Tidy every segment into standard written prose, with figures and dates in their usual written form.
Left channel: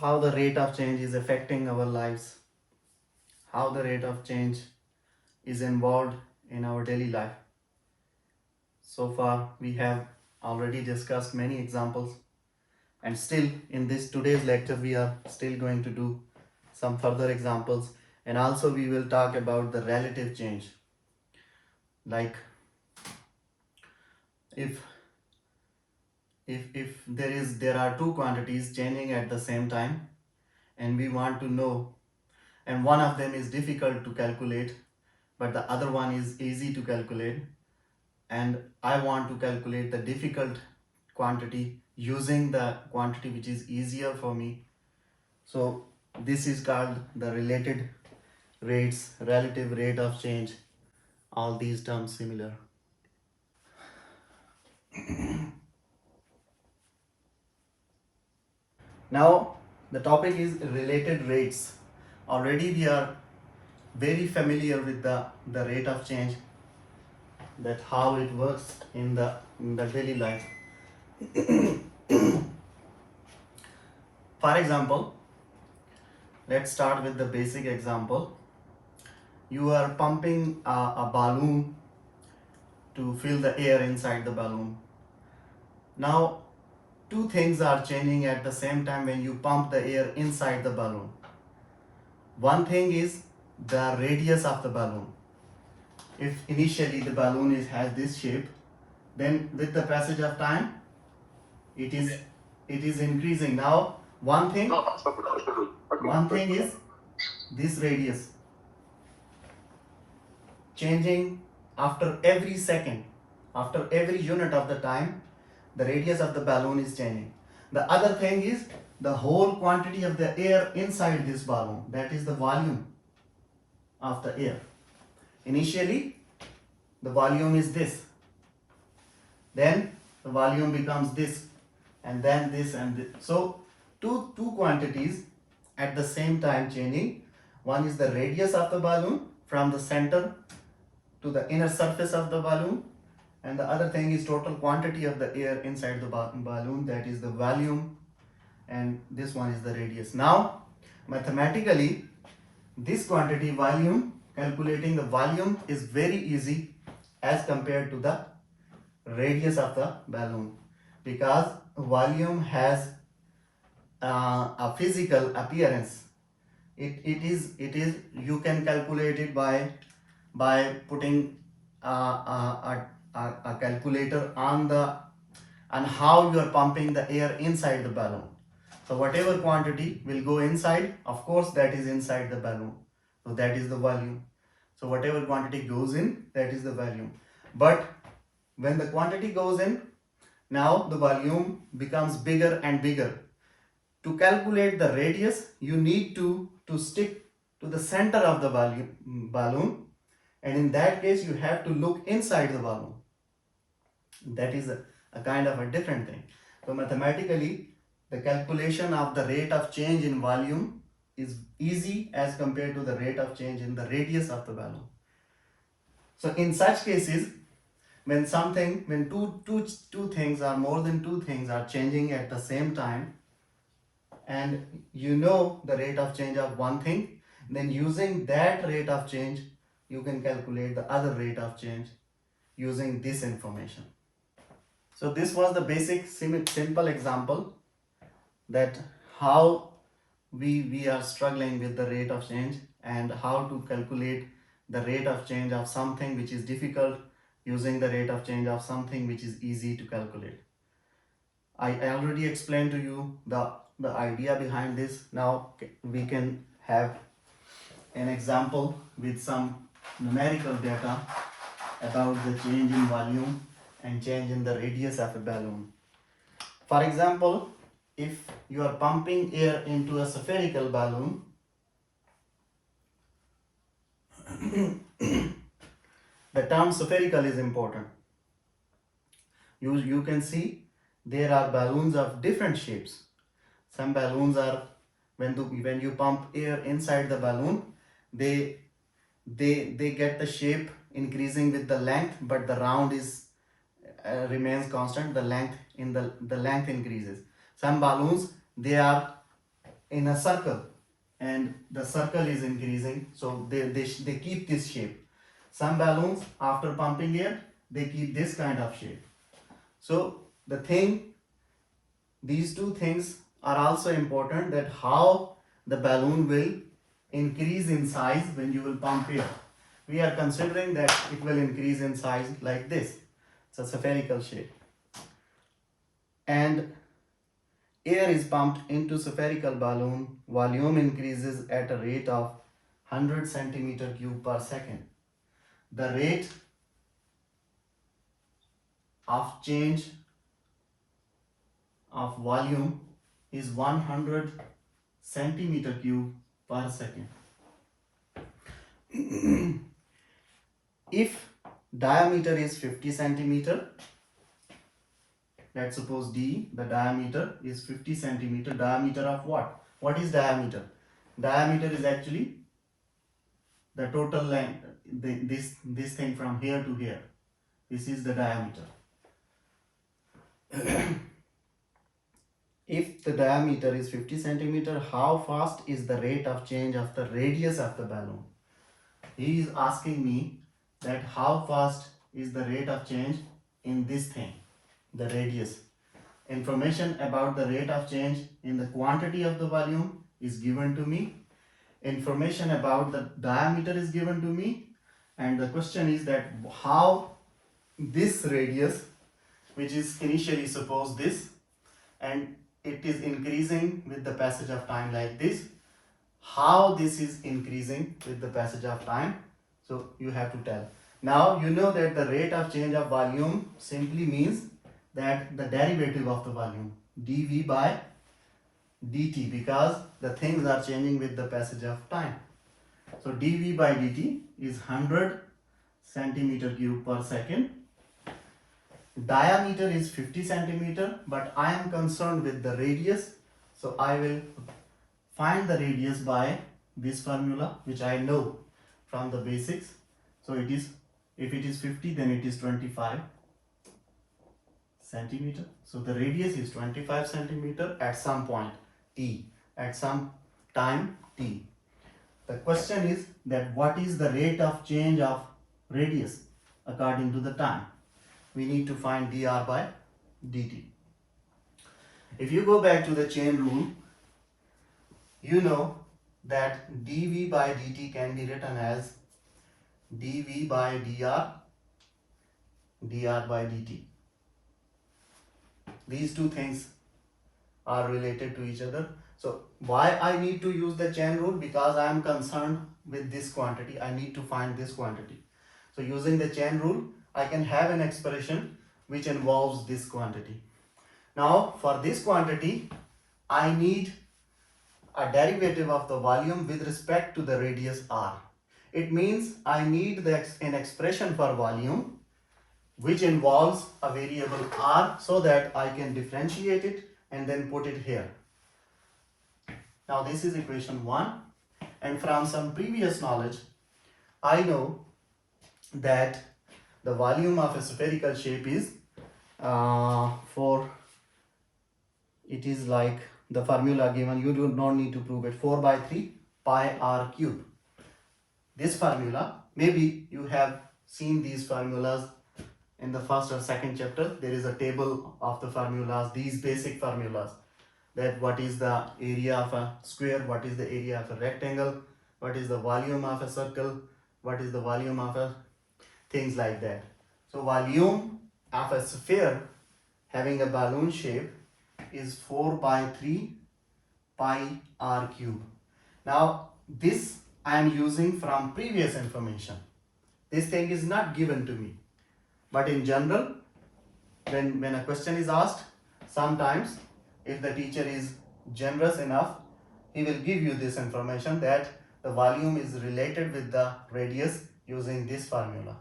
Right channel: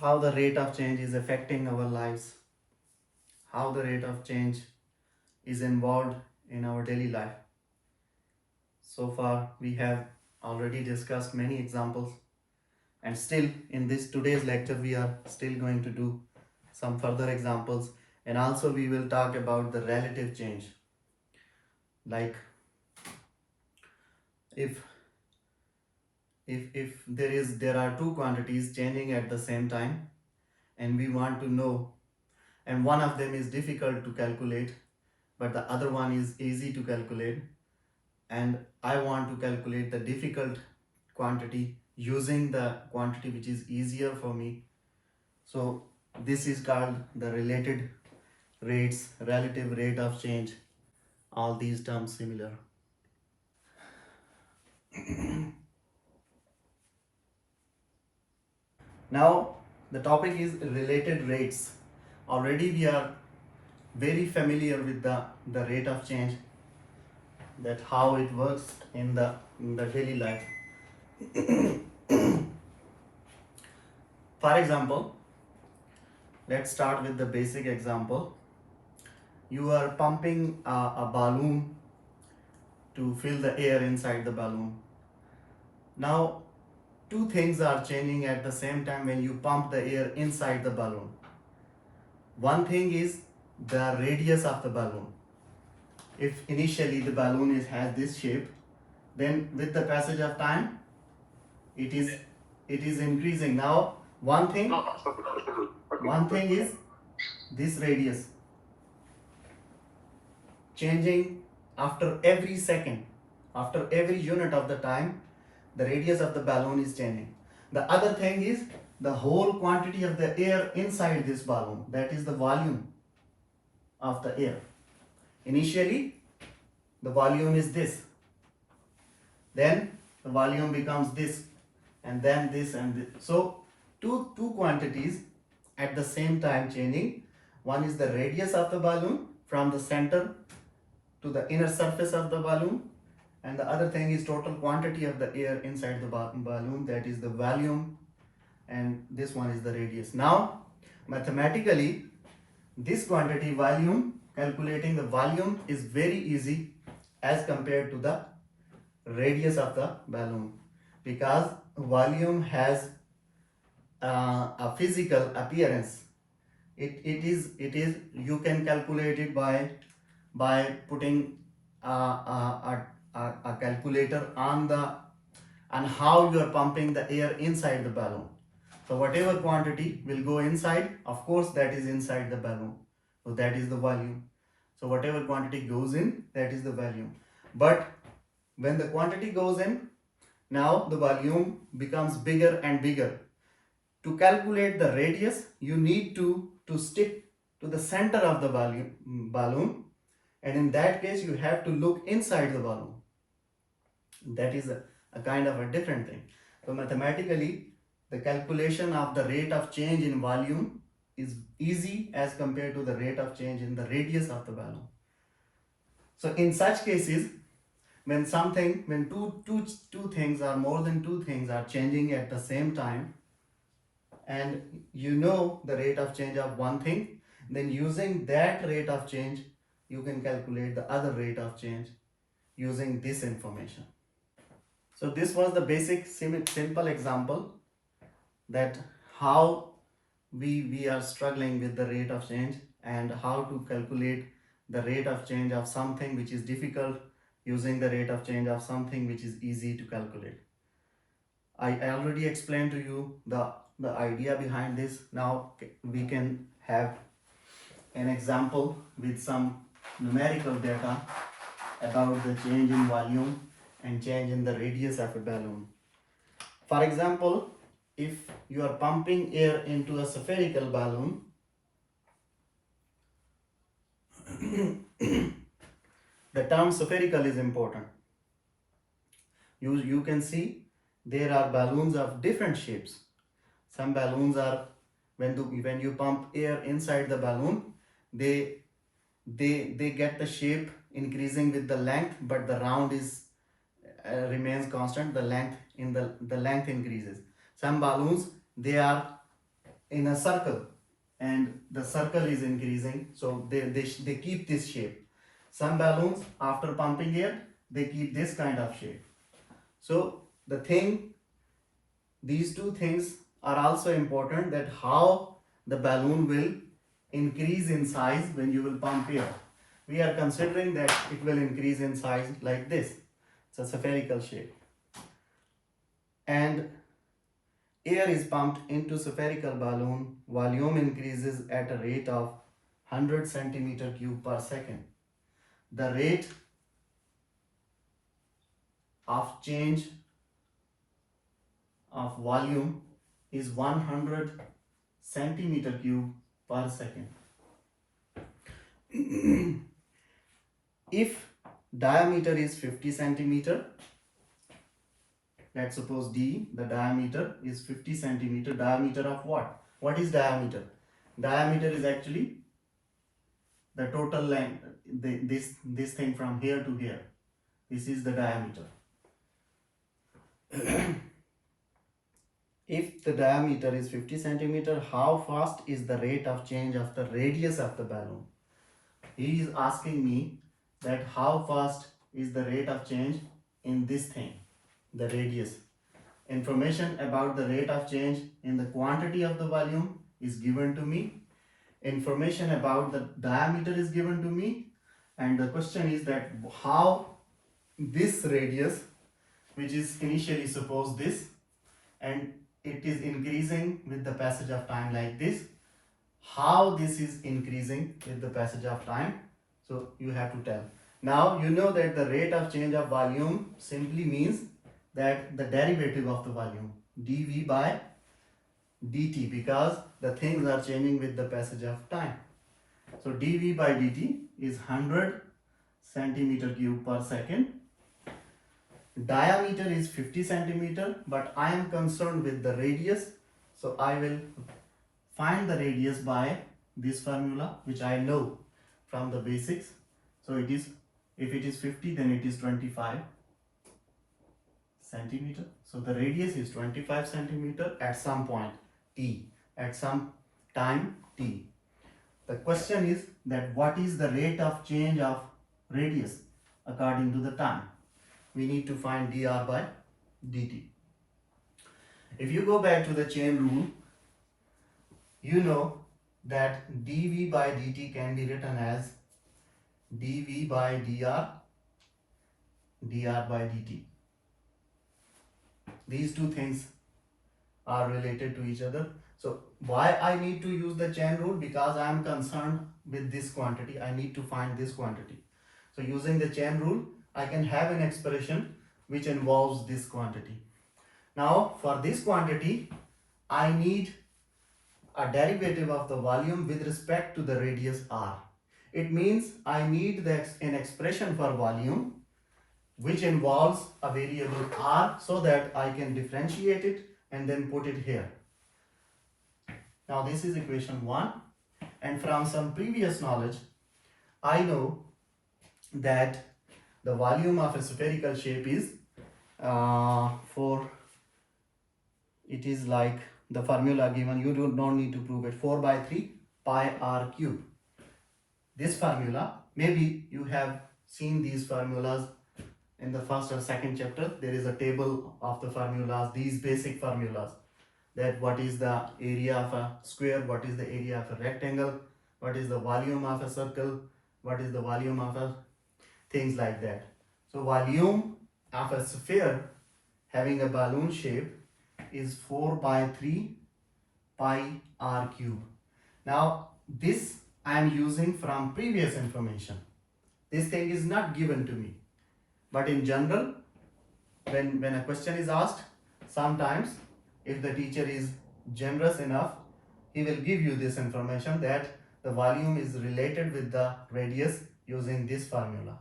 how the rate of change is affecting our lives, how the rate of change is involved in our daily life. So far, we have already discussed many examples, and still in this today's lecture, we are still going to do some further examples, and also we will talk about the relative change. Like if there are two quantities changing at the same time, and we want to know, and one of them is difficult to calculate, but the other one is easy to calculate, and I want to calculate the difficult quantity using the quantity which is easier for me. So this is called the related rates, relative rate of change, all these terms similar. Now the topic is related rates. Already we are very familiar with the rate of change, that how it works in the daily life. For example, let's start with the basic example. You are pumping a balloon to fill the air inside the balloon. Now, two things are changing at the same time when you pump the air inside the balloon. One thing is the radius of the balloon. If initially the balloon has this shape, then with the passage of time, it is increasing. Now, one thing is this radius changing after every second, after every unit of the time, the radius of the balloon is changing. The other thing is the whole quantity of the air inside this balloon, that is the volume of the air. Initially, the volume is this, then the volume becomes this, and then this and this. So, two quantities at the same time changing. One is the radius of the balloon from the center to the inner surface of the balloon, and the other thing is total quantity of the air inside the balloon, that is the volume, and this one is the radius. Now mathematically, this quantity volume, calculating the volume is very easy as compared to the radius of the balloon, because volume has a physical appearance. It is you can calculate it by putting a calculator on how you are pumping the air inside the balloon. So whatever quantity will go inside, of course that is inside the balloon, so that is the volume. So whatever quantity goes in, that is the volume. But when the quantity goes in, now the volume becomes bigger and bigger. To calculate the radius, you need to stick to the center of the balloon, and in that case you have to look inside the balloon. That is a kind of a different thing. So mathematically, the calculation of the rate of change in volume is easy as compared to the rate of change in the radius of the balloon. So in such cases, when two things or more than two things are changing at the same time, and you know the rate of change of one thing, then using that rate of change, you can calculate the other rate of change using this information. So this was the basic simple example, that how we are struggling with the rate of change, and how to calculate the rate of change of something which is difficult using the rate of change of something which is easy to calculate. I already explained to you the idea behind this. Now we can have an example with some numerical data about the change in volume and change in the radius of a balloon. For example, if you are pumping air into a spherical balloon, the term spherical is important. You can see there are balloons of different shapes. Some balloons are, when you pump air inside the balloon, they get the shape increasing with the length, but the round is remains constant. The length increases. Some balloons, they are in a circle and the circle is increasing, so they keep this shape. Some balloons after pumping air, they keep this kind of shape. So these two things are also important, that how the balloon will increase in size when you will pump air. We are considering that it will increase in size like this. It's a spherical shape. And air is pumped into spherical balloon. Volume increases at a rate of 100 centimeter cube per second. The rate of change of volume is 100 centimeter cube per second. If diameter is 50 centimeter, let's suppose D, the diameter is 50 centimeter. Diameter of what? What is diameter? Diameter is actually the total length, this thing from here to here. This is the diameter. If the diameter is 50 centimeter, how fast is the rate of change of the radius of the balloon? He is asking me that how fast is the rate of change in this thing, the radius. Information about the rate of change in the quantity of the volume is given to me. Information about the diameter is given to me. And the question is that how this radius, which is initially suppose this, and it is increasing with the passage of time like this, how this is increasing with the passage of time. So you have to tell. Now you know that the rate of change of volume simply means that the derivative of the volume, dV by dt, because the things are changing with the passage of time. So dV by dt is 100 centimeter cube per second. Diameter is 50 centimeter, but I am concerned with the radius, so I will find the radius by this formula, which I know from the basics. So it is, if it is 50, then it is 25 centimeter. So the radius is 25 centimeter at some point t, at some time t. The question is that what is the rate of change of radius according to the time? We need to find dr by dt. If you go back to the chain rule, you know that dv by dt can be written as dv by dr, dr by dt. These two things are related to each other. So why I need to use the chain rule? Because I am concerned with this quantity. I need to find this quantity. So using the chain rule, I can have an expression which involves this quantity. Now for this quantity, I need a derivative of the volume with respect to the radius r. It means I need an expression for volume which involves a variable r, so that I can differentiate it and then put it here. Now this is equation 1, and from some previous knowledge, I know that the volume of a spherical shape is it is like the formula given, you do not need to prove it, 4 by 3 pi r cube. This formula, maybe you have seen these formulas in the first or second chapter. There is a table of the formulas, these basic formulas, that what is the area of a square, what is the area of a rectangle, what is the volume of a circle, what is the volume of a things like that. So volume of a sphere having a balloon shape is 4 by 3 pi r cube. Now this I am using from previous information. This thing is not given to me. But in general, when a question is asked, sometimes if the teacher is generous enough, he will give you this information that the volume is related with the radius using this formula.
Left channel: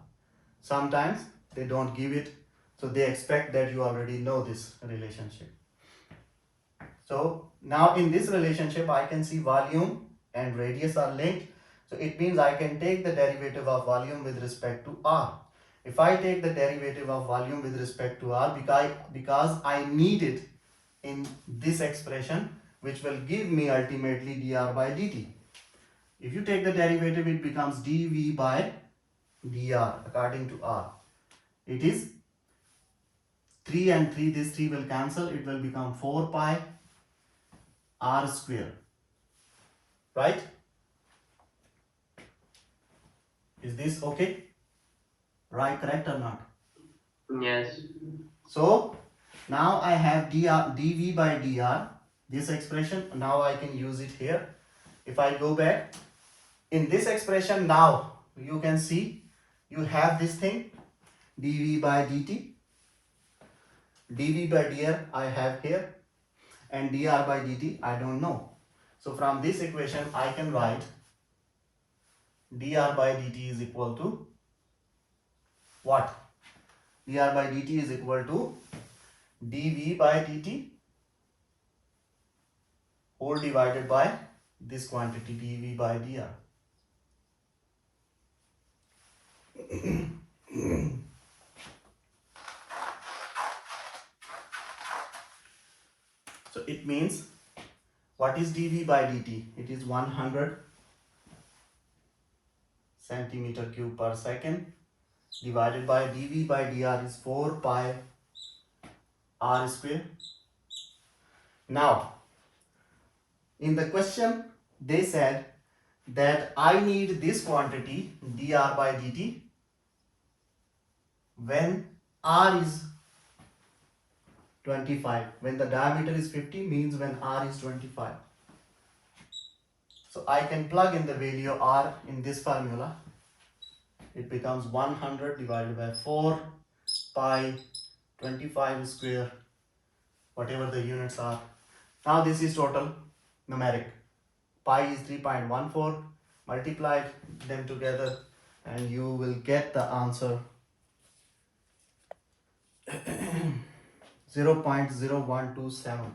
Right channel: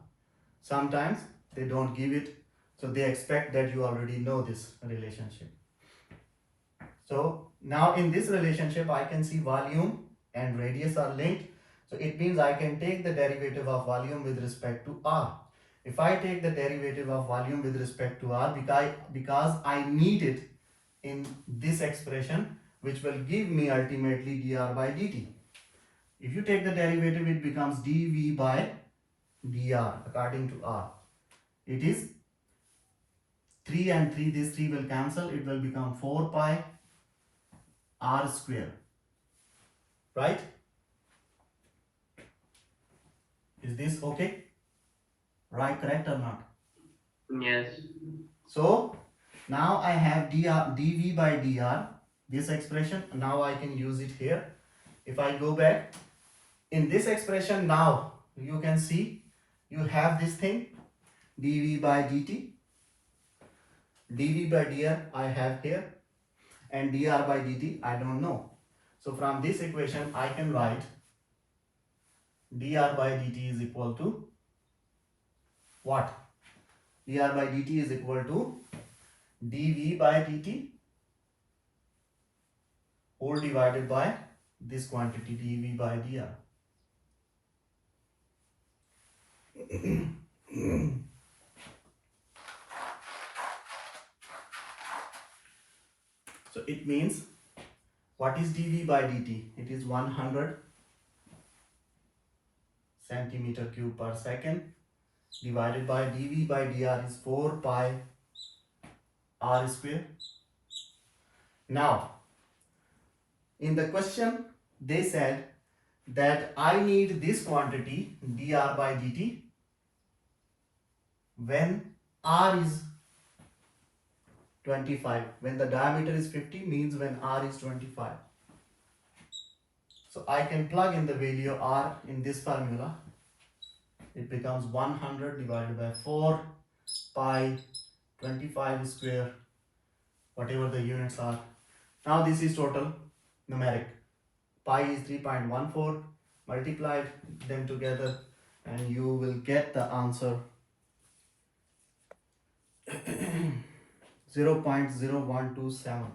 Sometimes they don't give it, so they expect that you already know this relationship. So now in this relationship, I can see volume and radius are linked. So it means I can take the derivative of volume with respect to r. If I take the derivative of volume with respect to r, because I need it in this expression, which will give me ultimately dr by dt. If you take the derivative, it becomes dv by dr according to r. It is 3 and 3, this 3 will cancel, it will become 4 pi r square, right? Is this okay? Right, correct or not? Yes. So now I have dv by dr, this expression, now I can use it here. If I go back, in this expression now, you can see, you have this thing, dv by dt, dv by dr I have here, and dr by dt I don't know. So from this equation I can write dr by dt is equal to what? dr by dt is equal to dv by dt whole divided by this quantity dv by dr. So it means, what is dv by dt? It is 100 centimeter cube per second divided by dv by dr is 4 pi r square. Now, in the question, they said that I need this quantity dr by dt when r is 25. When the diameter is 50 means when r is 25. So I can plug in the value of r in this formula. It becomes 100 divided by 4 pi 25 square, whatever the units are. Now this is total numeric. Pi is 3.14. Multiply them together and you will get the answer 0.0127.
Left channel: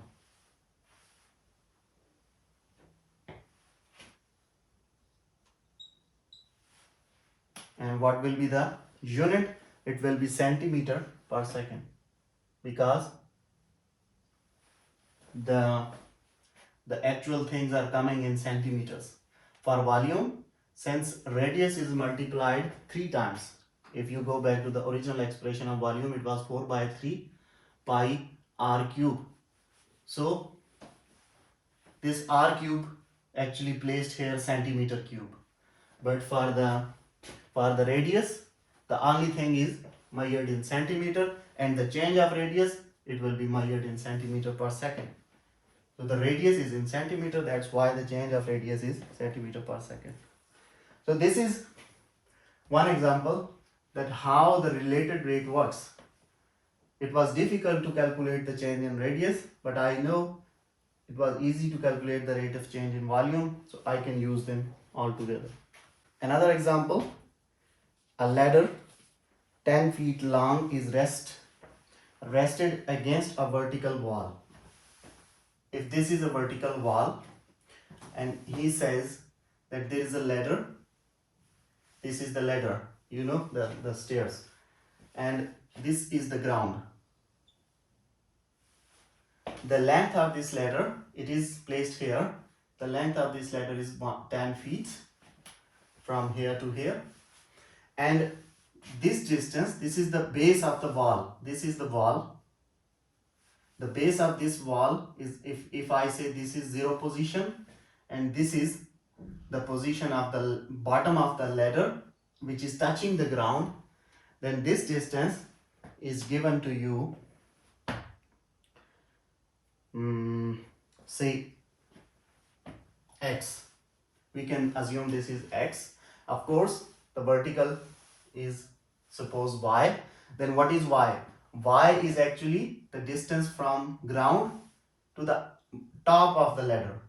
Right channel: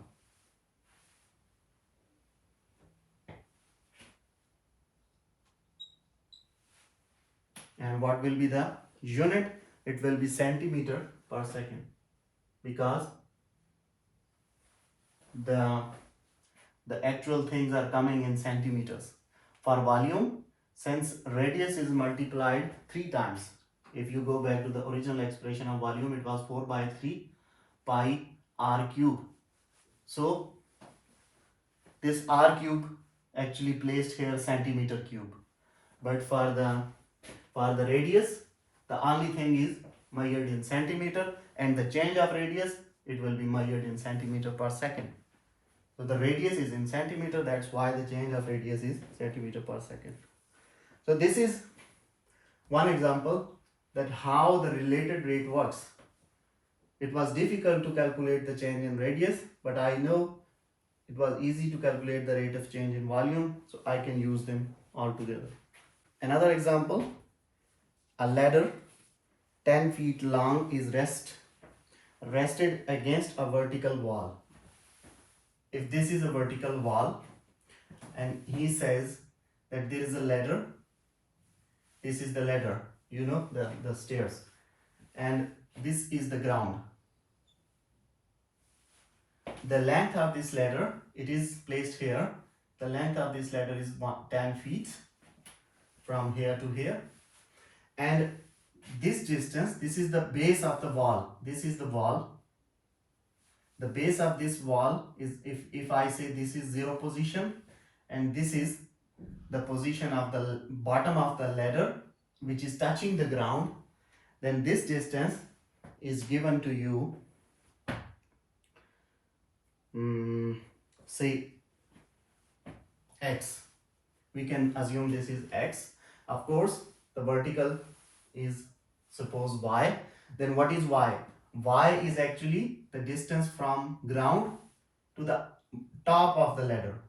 And what will be the unit? It will be centimeter per second, because the actual things are coming in centimeters. For volume, since radius is multiplied 3 times, if you go back to the original expression of volume, it was 4 by 3 pi r cube. So this r cube actually placed here centimeter cube, but for the radius, the only thing is measured in centimeter, and the change of radius, it will be measured in centimeter per second. So the radius is in centimeter, that's why the change of radius is centimeter per second. So this is one example that how the related rate works. It was difficult to calculate the change in radius, but I know it was easy to calculate the rate of change in volume, so I can use them all together. Another example, a ladder 10 feet long is rested against a vertical wall. If this is a vertical wall and he says that there is a ladder, this is the ladder, you know, the stairs, and this is the ground. The length of this ladder, it is placed here. The length of this ladder is 10 feet from here to here, and this distance, this is the base of the wall. This is the wall. The base of this wall is, if I say this is 0 position, and this is the position of the bottom of the ladder, which is touching the ground, then this distance is given to you, say x. We can assume this is x. Of course, the vertical is suppose y. Then what is y? Y is actually the distance from ground to the top of the ladder,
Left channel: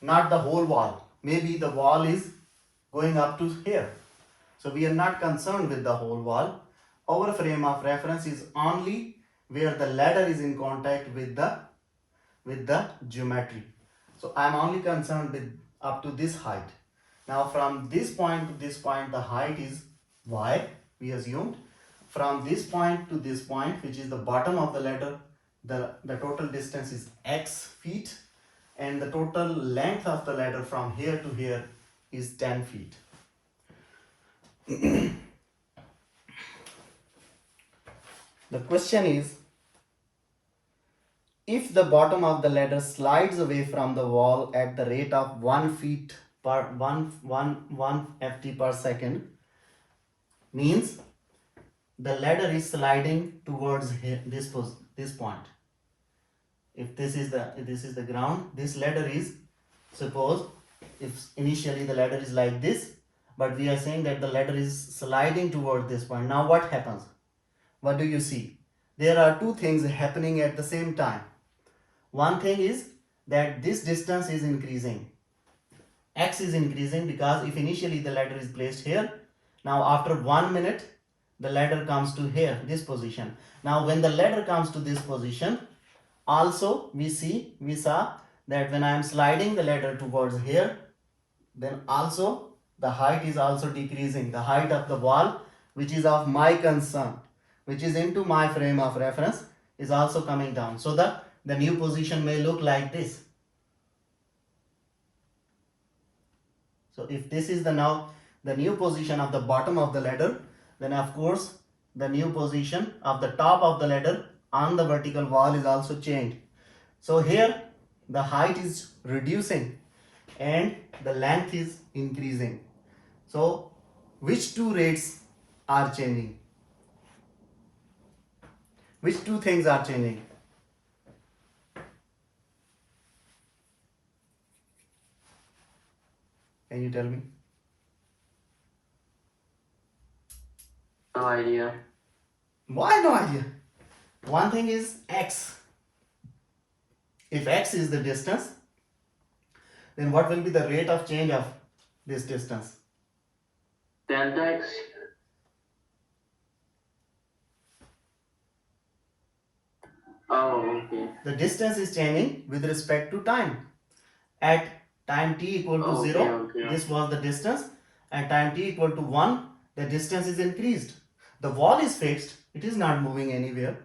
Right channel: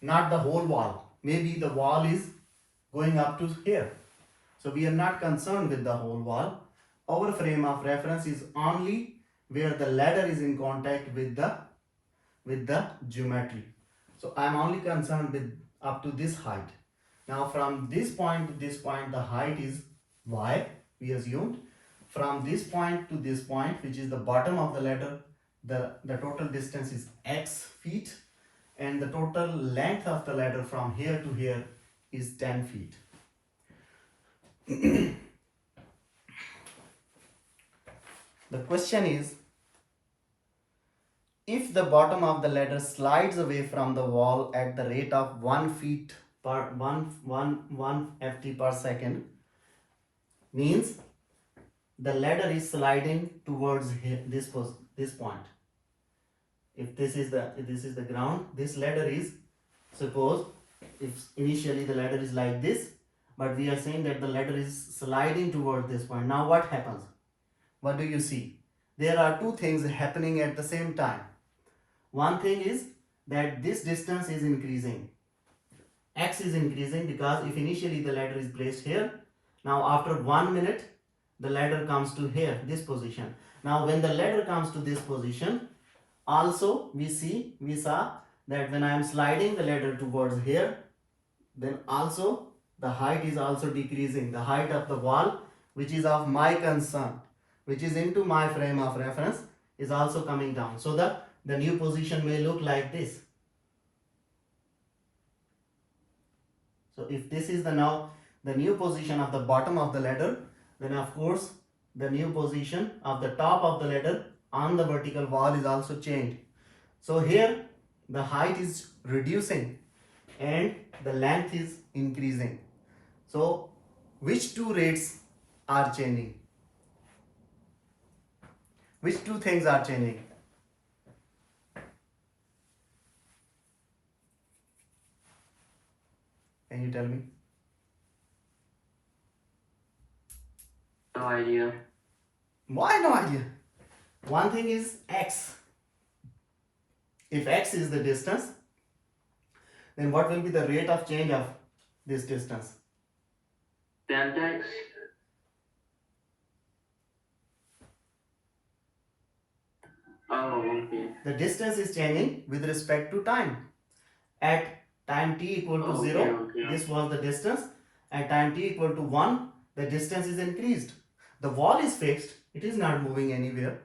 not the whole wall. Maybe the wall is going up to here. So we are not concerned with the whole wall. Our frame of reference is only where the ladder is in contact with the geometry. So I am only concerned with up to this height. Now from this point to this point, the height is y, we assumed. From this point to this point, which is the bottom of the ladder, the total distance is x feet. and the total length of the ladder from here to here is 10 feet. The question is, if the bottom of the ladder slides away from the wall at the rate of 1 feet per 1 ft per second, means the ladder is sliding towards here, this point. If this is the ground, this ladder is, suppose if initially the ladder is like this, but we are saying that the ladder is sliding toward this point. Now what happens? What do you see? There are two things happening at the same time. One thing is that this distance is increasing. X is increasing because if initially the ladder is placed here, now after 1 minute the ladder comes to here, this position. Now when the ladder comes to this position, also we saw that when I am sliding the ladder towards here, then also the height is also decreasing. The height of the wall, which is of my concern, which is into my frame of reference, is also coming down. So the new position may look like this. So if this is now the new position of the bottom of the ladder, then of course the new position of the top of the ladder on the vertical wall is also changed. So here the height is reducing and the length is increasing. So which two rates are changing? Which two things are changing? Can you tell me? No idea. Why no idea? One thing is x. If x is the distance, then what will be the rate of change of this distance? Delta x. Oh, okay. The distance is changing with respect to time. At time t equal to Okay, 0, okay. this was the distance. At time t equal to 1, the distance is increased. The wall is fixed, it is not moving anywhere,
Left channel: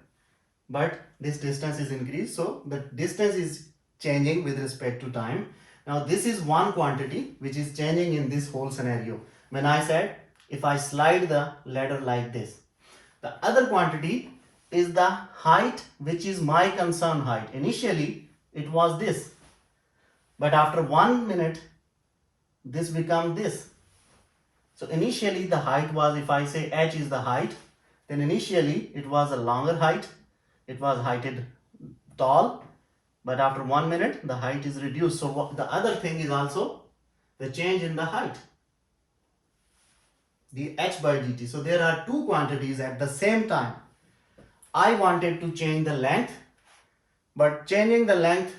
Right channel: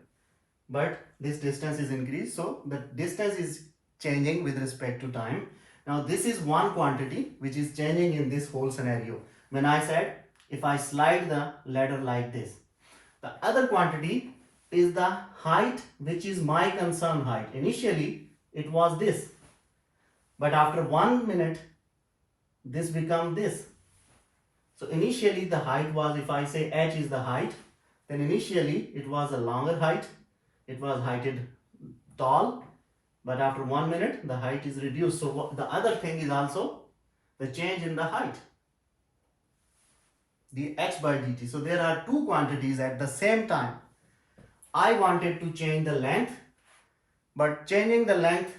but this distance is increased, so the distance is changing with respect to time. Now this is one quantity which is changing in this whole scenario. When I said if I slide the ladder like this, the other quantity is the height, which is my concern height. Initially it was this, but after 1 minute this becomes this. So initially the height was, if I say h is the height, then initially it was a longer height, it was heighted tall, but after 1 minute the height is reduced. So the other thing is also the change in the height, the h by dt. So there are two quantities at the same time. I wanted to change the length, but changing the length,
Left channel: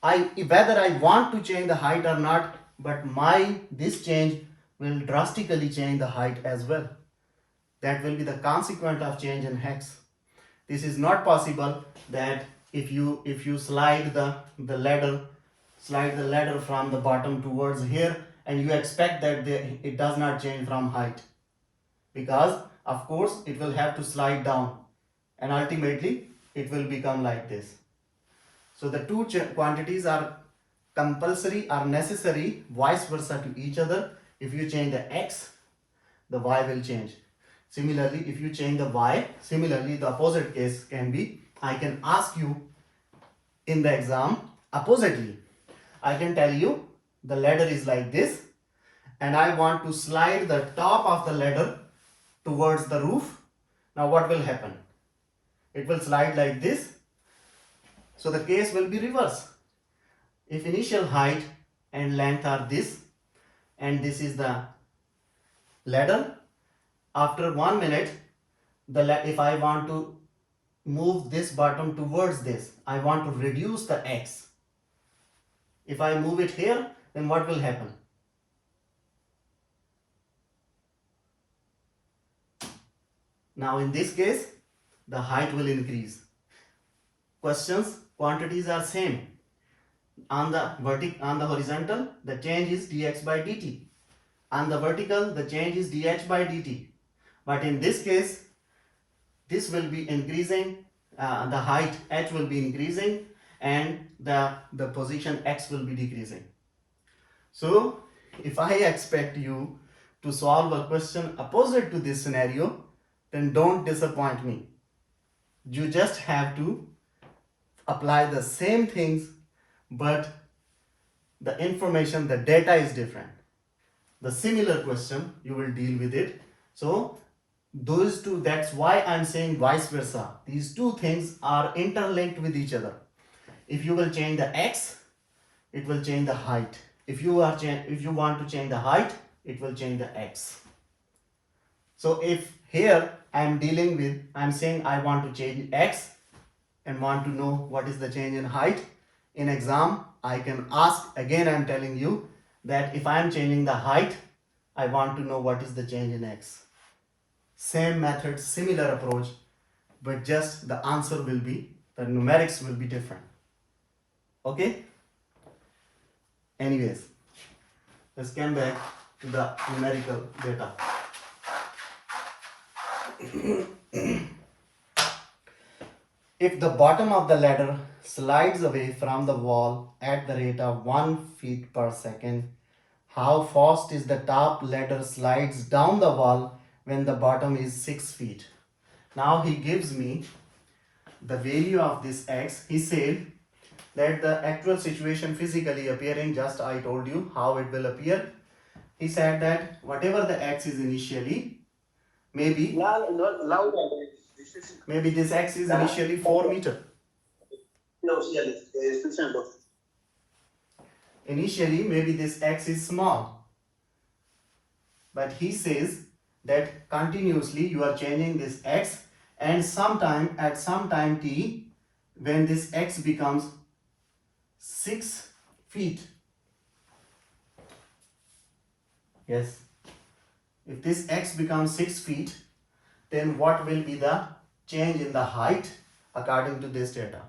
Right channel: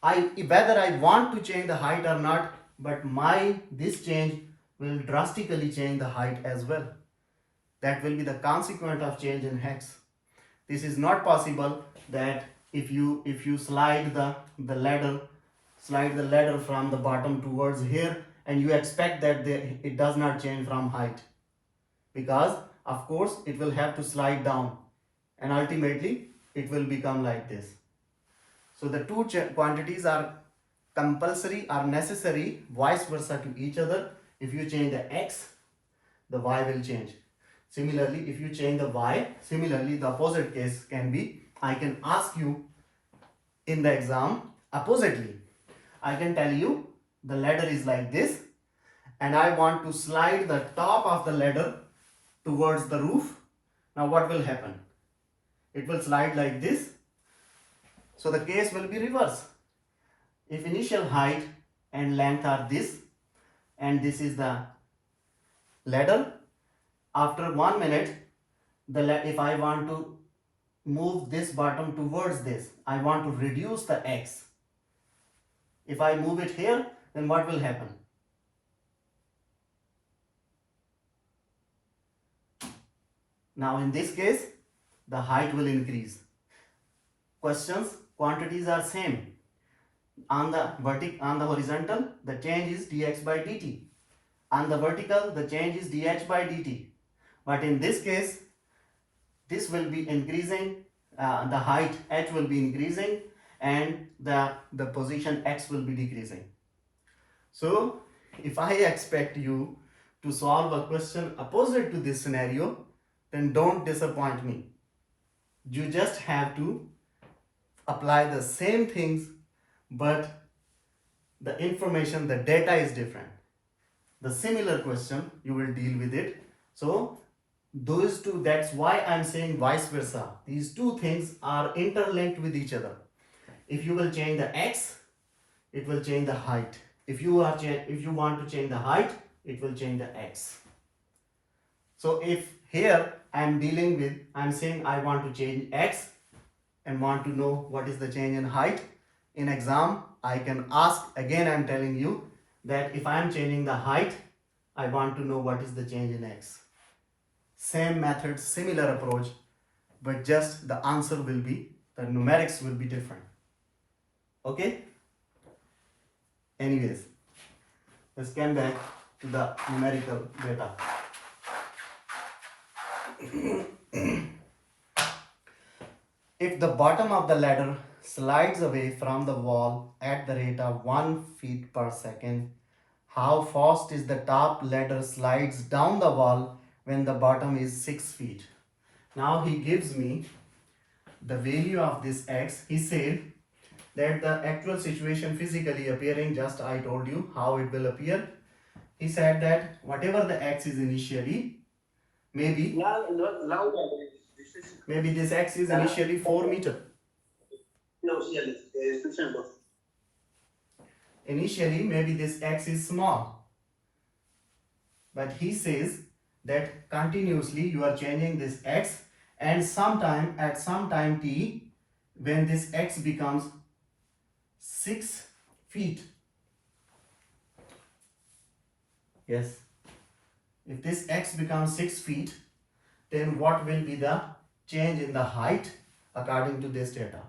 whether I want to change the height or not, but this change will drastically change the height as well. That will be the consequence of change in hex. This is not possible that if you slide the ladder from the bottom towards here and you expect that it does not change from height, because of course it will have to slide down and ultimately it will become like this. So the two quantities are compulsory or necessary vice versa to each other. If you change the x, the y will change. Similarly, if you change the y, similarly the opposite case can be, I can ask you in the exam oppositely. I can tell you the ladder is like this and I want to slide the top of the ladder towards the roof. Now what will happen? It will slide like this. So the case will be reverse. If initial height and length are this, and this is the ladder, after 1 minute, if I want to move this bottom towards this, I want to reduce the x. If I move it here, then what will happen? Now in this case, the height will increase. Quantities are same. On the horizontal, the change is dx by dt. On the vertical, the change is dh by dt. But in this case, this will be increasing, the height h will be increasing, and the position x will be decreasing. So if I expect you to solve a question opposite to this scenario, then don't disappoint me. You just have to apply the same things, but the information, the data is different. The similar question, you will deal with it. So those two, that's why I'm saying vice versa. These two things are interlinked with each other. If you will change the x, it will change the height. If you want to change the height, it will change the x. So if here I'm saying I want to change x and want to know what is the change in height. In exam, I can ask, again I'm telling you that if I am changing the height, I want to know what is the change in x. Same method, similar approach, but just the answer will be, the numerics will be different. Okay? Anyways, let's come back to the numerical data. If the bottom of the ladder slides away from the wall at the rate of 1 feet per second, how fast is the top ladder slides down the wall when the bottom is 6 feet? Now he gives me the value of this x. He said that the actual situation physically appearing, just I told you how it will appear. He said that whatever the x is initially, maybe this x is initially 4 meter. Initially, maybe this x is small. But he says that continuously you are changing this x, and at some time t, when this x becomes 6 feet. Yes. If this x becomes 6 feet, then what will be the change in the height according to this data?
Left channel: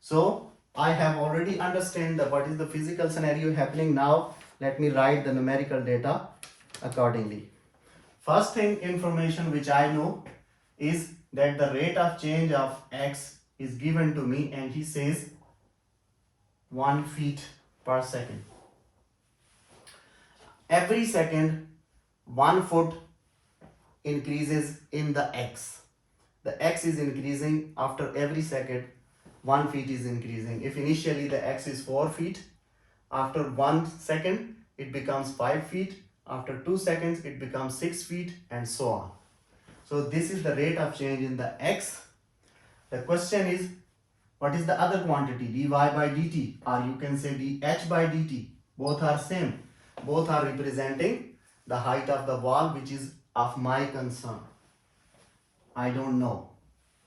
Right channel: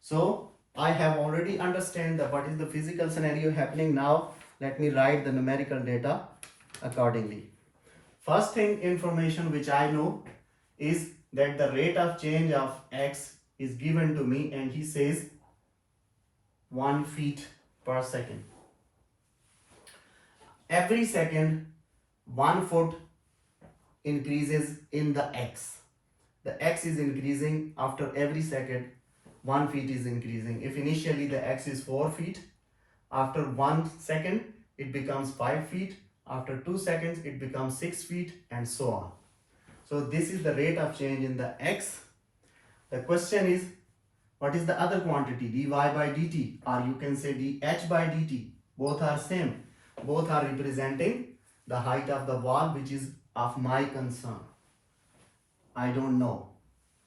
So I have already understand what is the physical scenario happening. Now let me write the numerical data accordingly. First thing, information which I know is that the rate of change of x is given to me, and he says 1 feet per second. Every second 1 foot increases in the x. The x is increasing after every second. 1 feet is increasing. If initially the x is 4 feet, after 1 second it becomes 5 feet, after 2 seconds it becomes 6 feet, and so on. So this is the rate of change in the x. The question is, what is the other quantity, dy by dt, or you can say dh by dt? Both are same. Both are representing the height of the wall, which is of my concern. I don't know.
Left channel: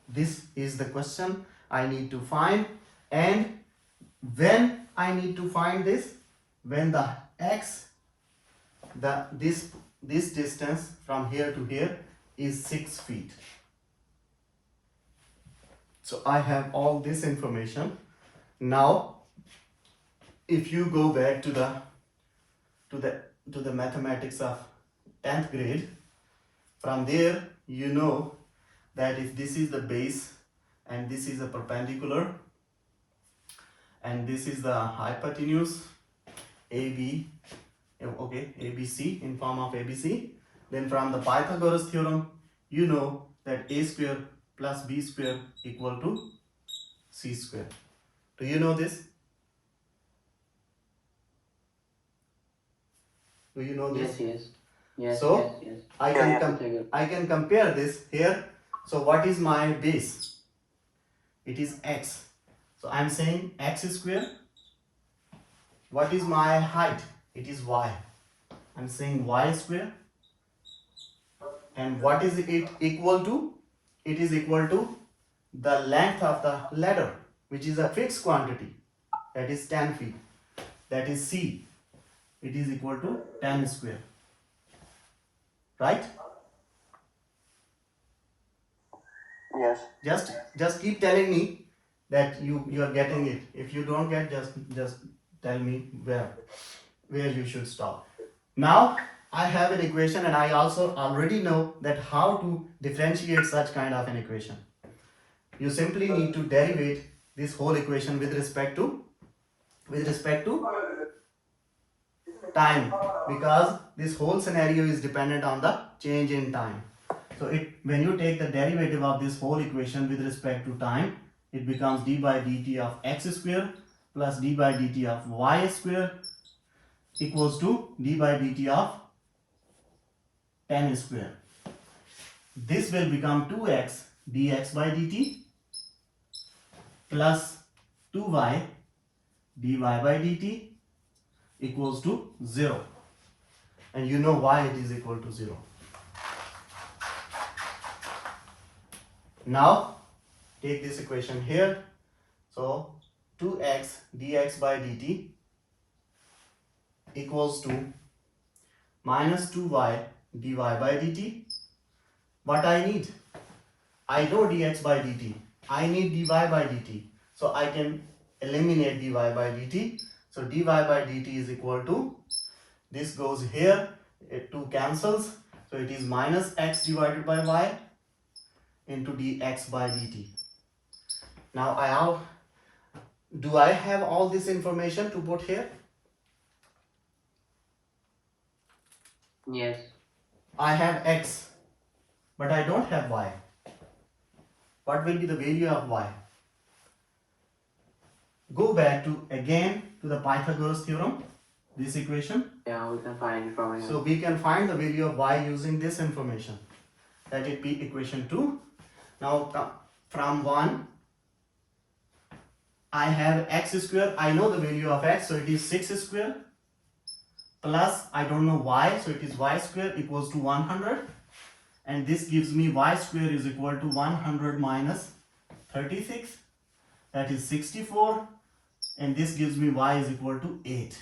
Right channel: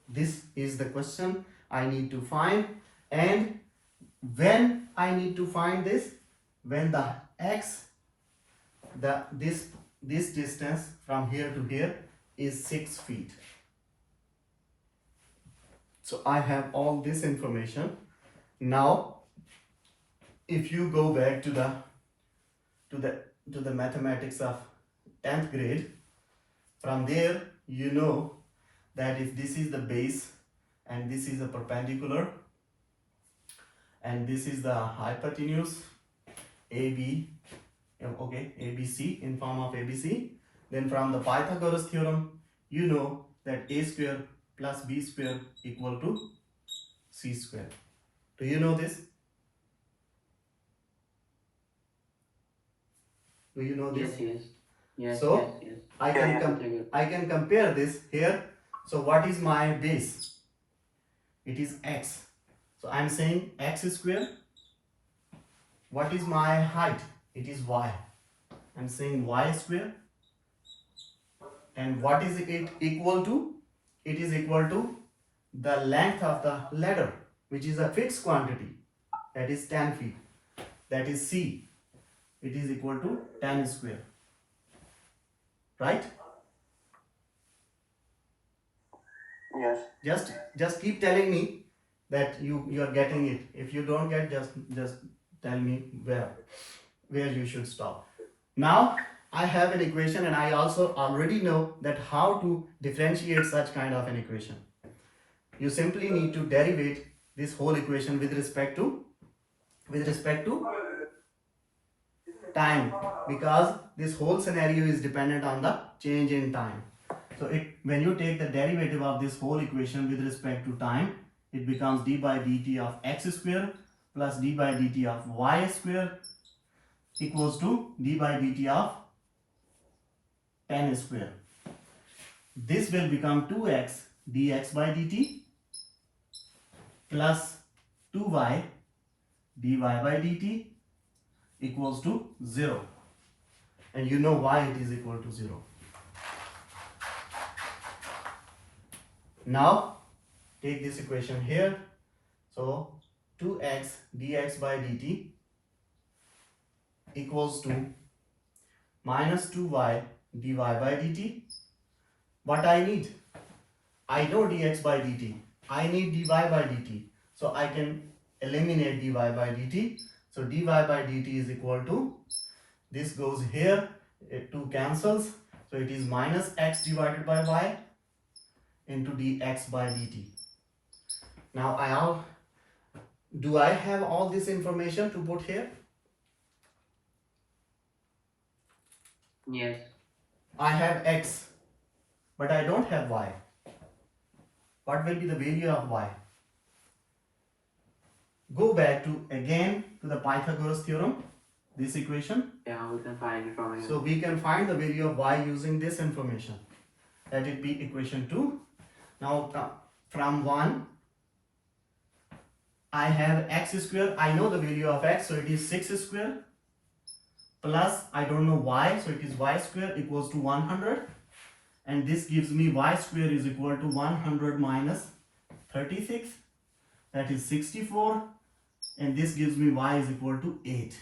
This is the question I need to find. And when I need to find this, when the x, this distance from here to here is 6 feet. So I have all this information. Now, if you go back to the mathematics of 10th grade, from there you know that if this is the base and this is a perpendicular and this is the hypotenuse AB, okay, ABC, in form of ABC, then from the Pythagoras theorem you know that a square plus b square equal to c square. Do you know this? Do you know this? Yes. So Yes. I can compare this here. So what is my base? It is x. So I'm saying x square. What is my height? It is y. I'm saying y square. And what is it equal to? It is equal to the length of the ladder, which is a fixed quantity, that is 10 feet. That is c. It is equal to 10 square. Right? Yes. Just keep telling me that you are getting it. If you don't get, just tell me where you should stop. Now I have an equation, and I also already know that how to differentiate such kind of an equation. You simply need to derivate this whole equation with respect to time, because this whole scenario is dependent on the change in time. So when you take the derivative of this whole equation with respect to time, it becomes d by dt of x square plus d by dt of y square equals to d by dt of 10 square. This will become 2x dx by dt plus 2y dy by dt equals to 0. And you know why it is equal to 0. Now take this equation here. So 2x dx by dt equals to minus 2y dy by dt. What I need? I know dx by dt. I need dy by dt. So I can eliminate dy by dt. So dy by dt is equal to, this goes here, it 2 cancels. So it is minus x divided by y into dx by dt. Now do I have all this information to put here? Yes. I have x, but I don't have y. What will be the value of y? Go back to the Pythagoras theorem, this equation. Yeah, we can find it from here. So we can find the value of y using this information. Let it be equation 2. Now from 1, I have x square. I know the value of x, so it is 6 square. Plus, I don't know y, so it is y square equals to 100. And this gives me y square is equal to 100 minus 36. That is 64. And this gives me y is equal to 8.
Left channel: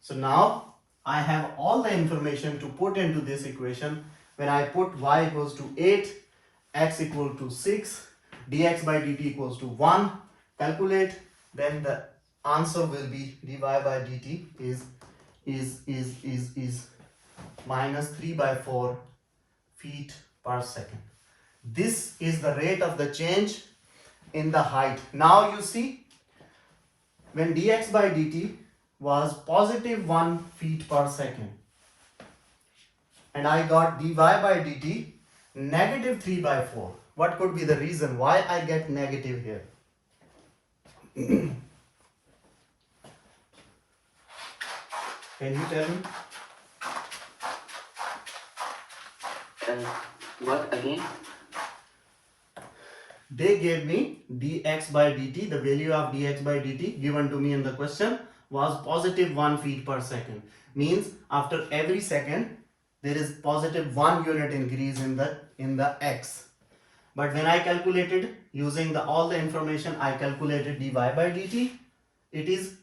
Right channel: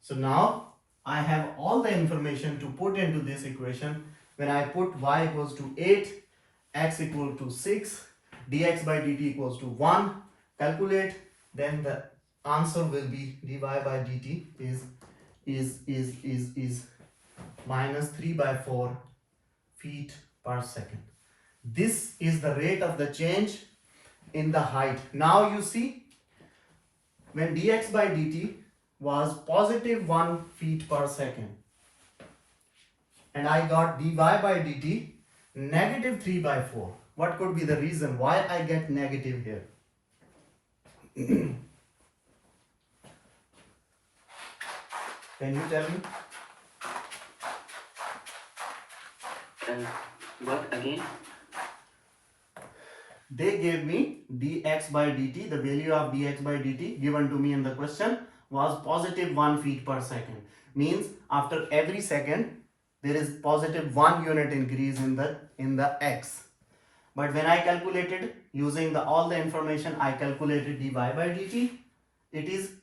So now I have all the information to put into this equation. When I put y equals to 8, x equal to 6, dx by dt equals to 1, calculate, then the answer will be dy by dt is minus 3 by 4 feet per second. This is the rate of the change in the height. Now you see, when dx by dt was positive 1 feet per second, and I got dy by dt negative 3 by 4. What could be the reason why I get negative here? Can you tell me? What again? They gave me dx by dt, the value of dx by dt given to me in the question was positive 1 feet per second. Means after every second there is positive 1 unit increase in the x. But when I calculated using all the information, I calculated dy by dt, it is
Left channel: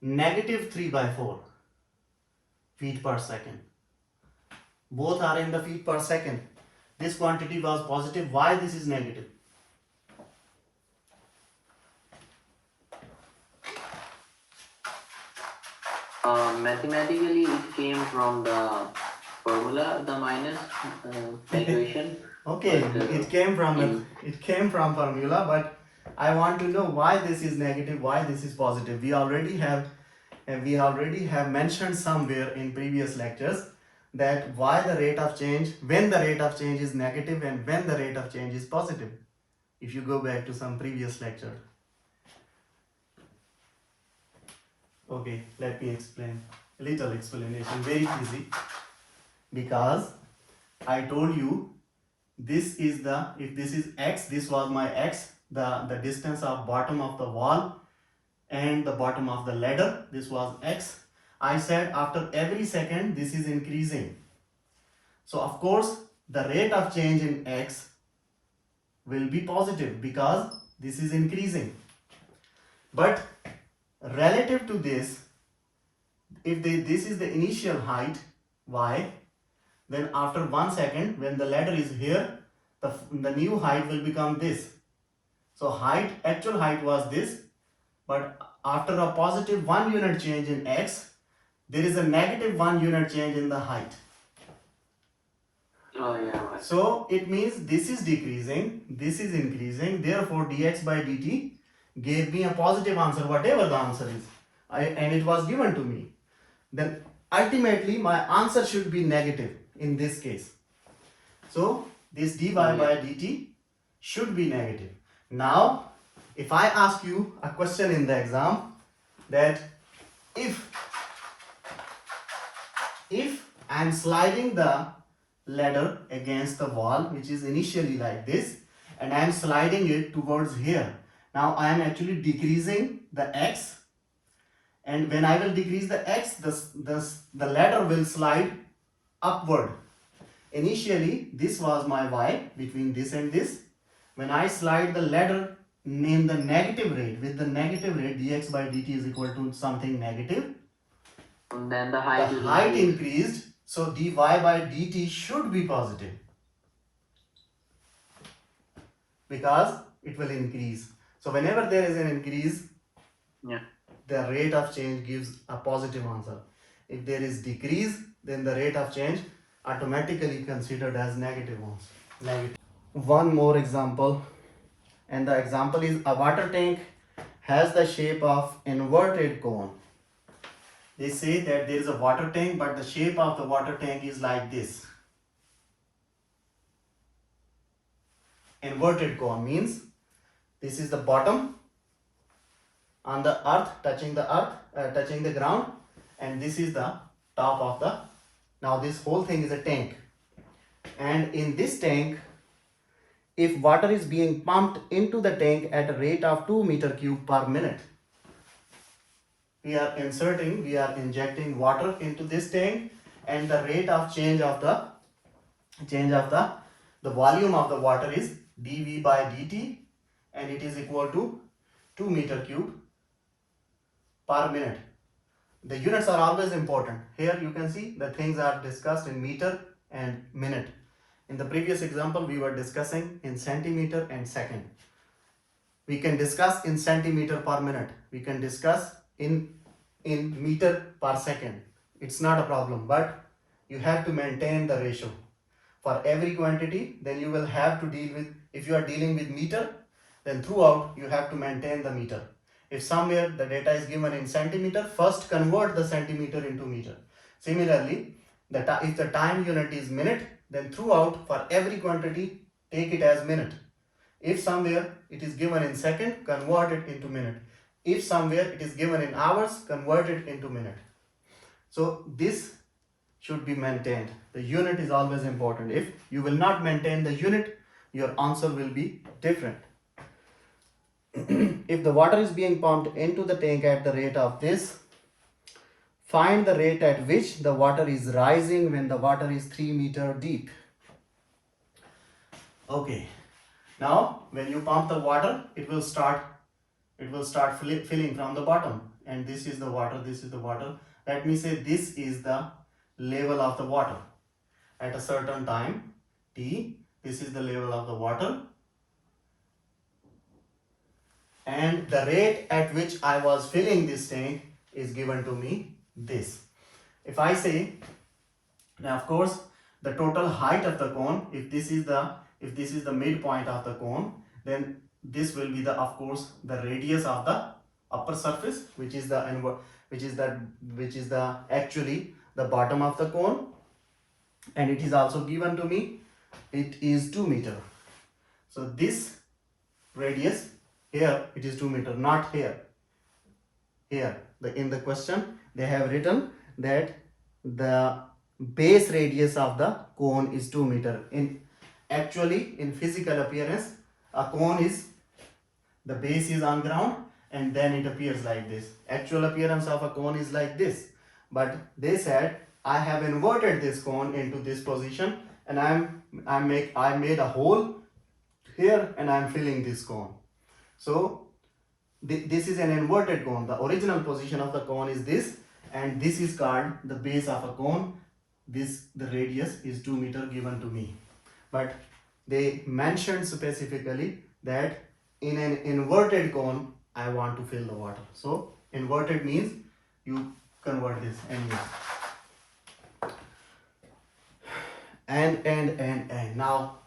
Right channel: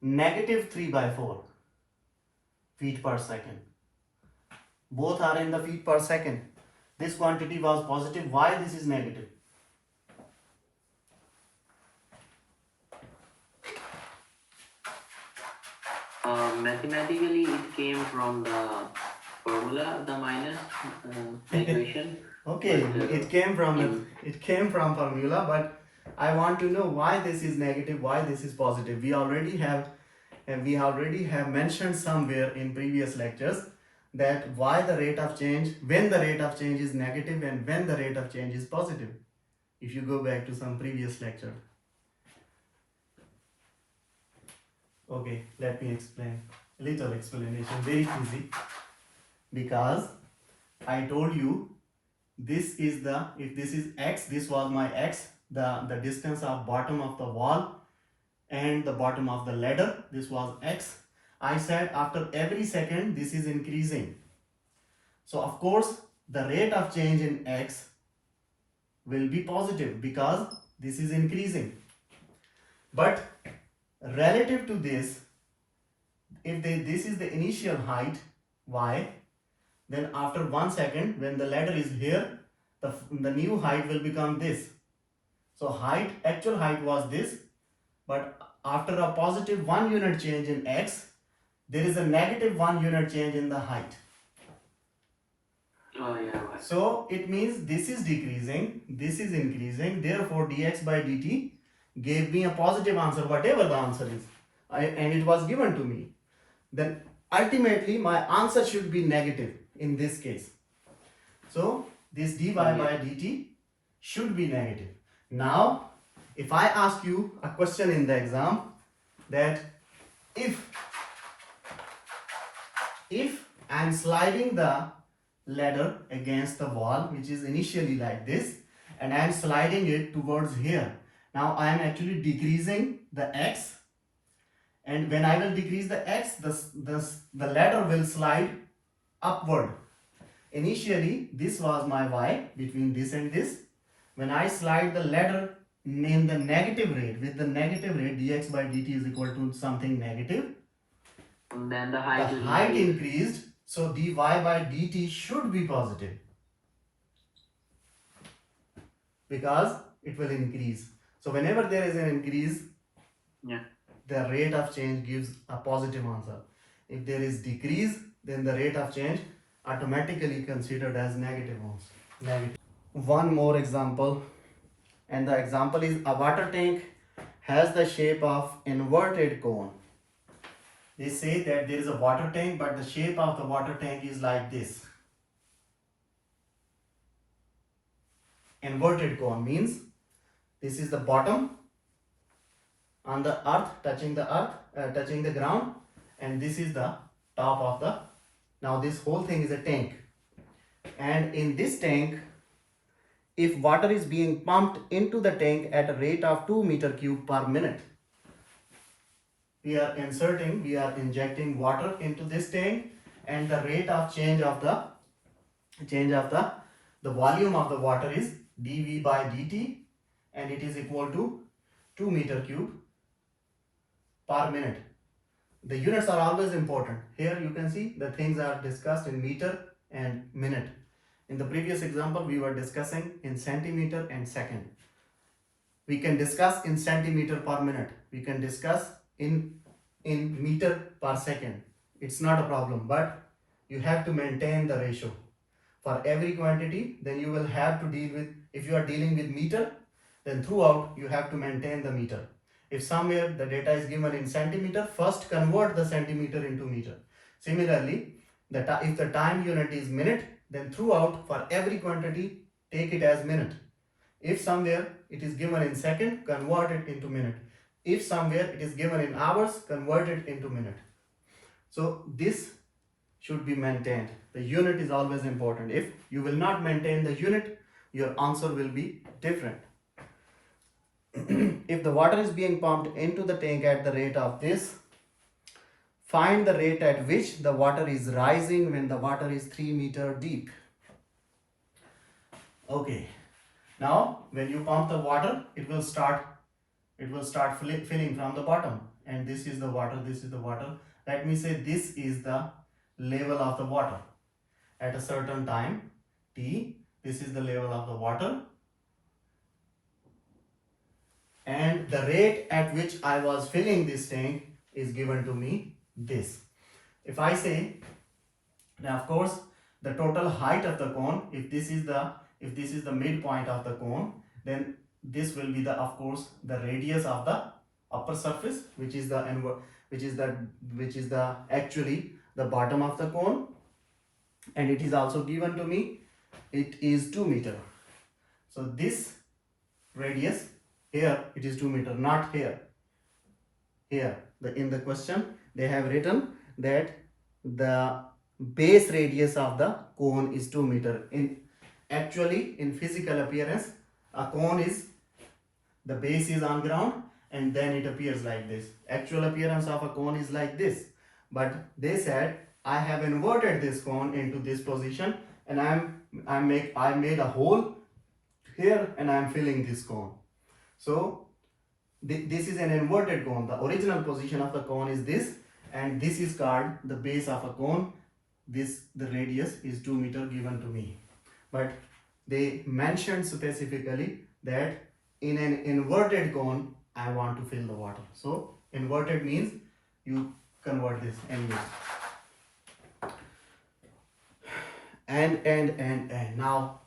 negative 3 by 4 feet per second. Both are in the feet per second. This quantity was positive. Why this is negative? Mathematically, it came from the formula, the minus equation. Okay, But, it came from formula, but I want to know why this is negative, why this is positive. We already have mentioned somewhere in previous lectures that why the rate of change, when the rate of change is negative and when the rate of change is positive. If you go back to some previous lecture. Okay, let me explain. A little explanation, very easy. Because I told you this is if this is x, this was my x, the distance of bottom of the wall and the bottom of the ladder, this was x. I said after every second this is increasing. So of course the rate of change in x will be positive because this is increasing. But relative to this, if this is the initial height y, then after 1 second when the ladder is here, the new height will become this. So actual height was this, but after a positive 1 unit change in x, there is a negative 1 unit change in the height. Oh yeah. Right. So it means this is decreasing, this is increasing, therefore dx by dt gave me a positive answer, whatever the answer is, and it was given to me, then ultimately my answer should be negative in this case. So this dy by dt should be negative. Now, if I ask you a question in the exam that if I'm sliding the ladder against the wall, which is initially like this, and I'm sliding it towards here. Now I am actually decreasing the x, and when I will decrease the x, the ladder will slide upward. Initially, this was my y between this and this. When I slide the ladder in the negative rate, with the negative rate, dx by dt is equal to something negative. And then the The height will height increase. increased, so dy by dt should be positive because it will increase. So whenever there is an increase, Yeah. the rate of change gives a positive answer. If there is decrease, then the rate of change automatically considered as negative answer. Negative. One more example, and the example is a water tank has the shape of inverted cone. They say that there is a water tank, but the shape of the water tank is like this. Inverted cone means this is the bottom on the earth, touching the ground, and this is the top of the. Now this whole thing is a tank, and in this tank, if water is being pumped into the tank at a rate of 2 meter cube per minute, we are injecting water into this tank, and the rate of change of the volume of the water is dV by dt, and it is equal to 2 meter cube per minute. The units are always important. Here you can see the things are discussed in meter and minute. In the previous example, we were discussing in centimeter and second. We can discuss in centimeter per minute. We can discuss in meter per second. It's not a problem, but you have to maintain the ratio. For every quantity, then you will have to deal with, if you are dealing with meter, then throughout you have to maintain the meter. If somewhere the data is given in centimeter, first convert the centimeter into meter. Similarly, if the time unit is minute, then throughout for every quantity, take it as minute. If somewhere it is given in second, convert it into minute. If somewhere it is given in hours, convert it into minute. So this should be maintained. The unit is always important. If you will not maintain the unit, your answer will be different. If the water is being pumped into the tank at the rate of this, find the rate at which the water is rising when the water is 3 meter deep. Okay. Now, when you pump the water, it will start filling from the bottom, and this is the water, this is the water. Let me say this is the level of the water at a certain time t. This is the level of the water, and the rate at which I was filling this tank is given to me this. If I say, now of course the total height of the cone, if this is the midpoint of the cone, then this will be the, of course, the radius of the upper surface, which is actually the bottom of the cone, and it is also given to me, it is 2 meter. So this radius here, it is 2 meter, not here. Here in the question they have written that the base radius of the cone is 2 meter. In physical appearance, a cone is, the base is on ground and then it appears like this. Actual appearance of a cone is like this, but they said I have inverted this cone into this position, and I made a hole here and I am filling this cone. So this is an inverted cone. The original position of the cone is this, and this is called the base of a cone. The radius is 2 meter given to me, but they mentioned specifically that in an inverted cone I want to fill the water. So inverted means you convert this and this. And now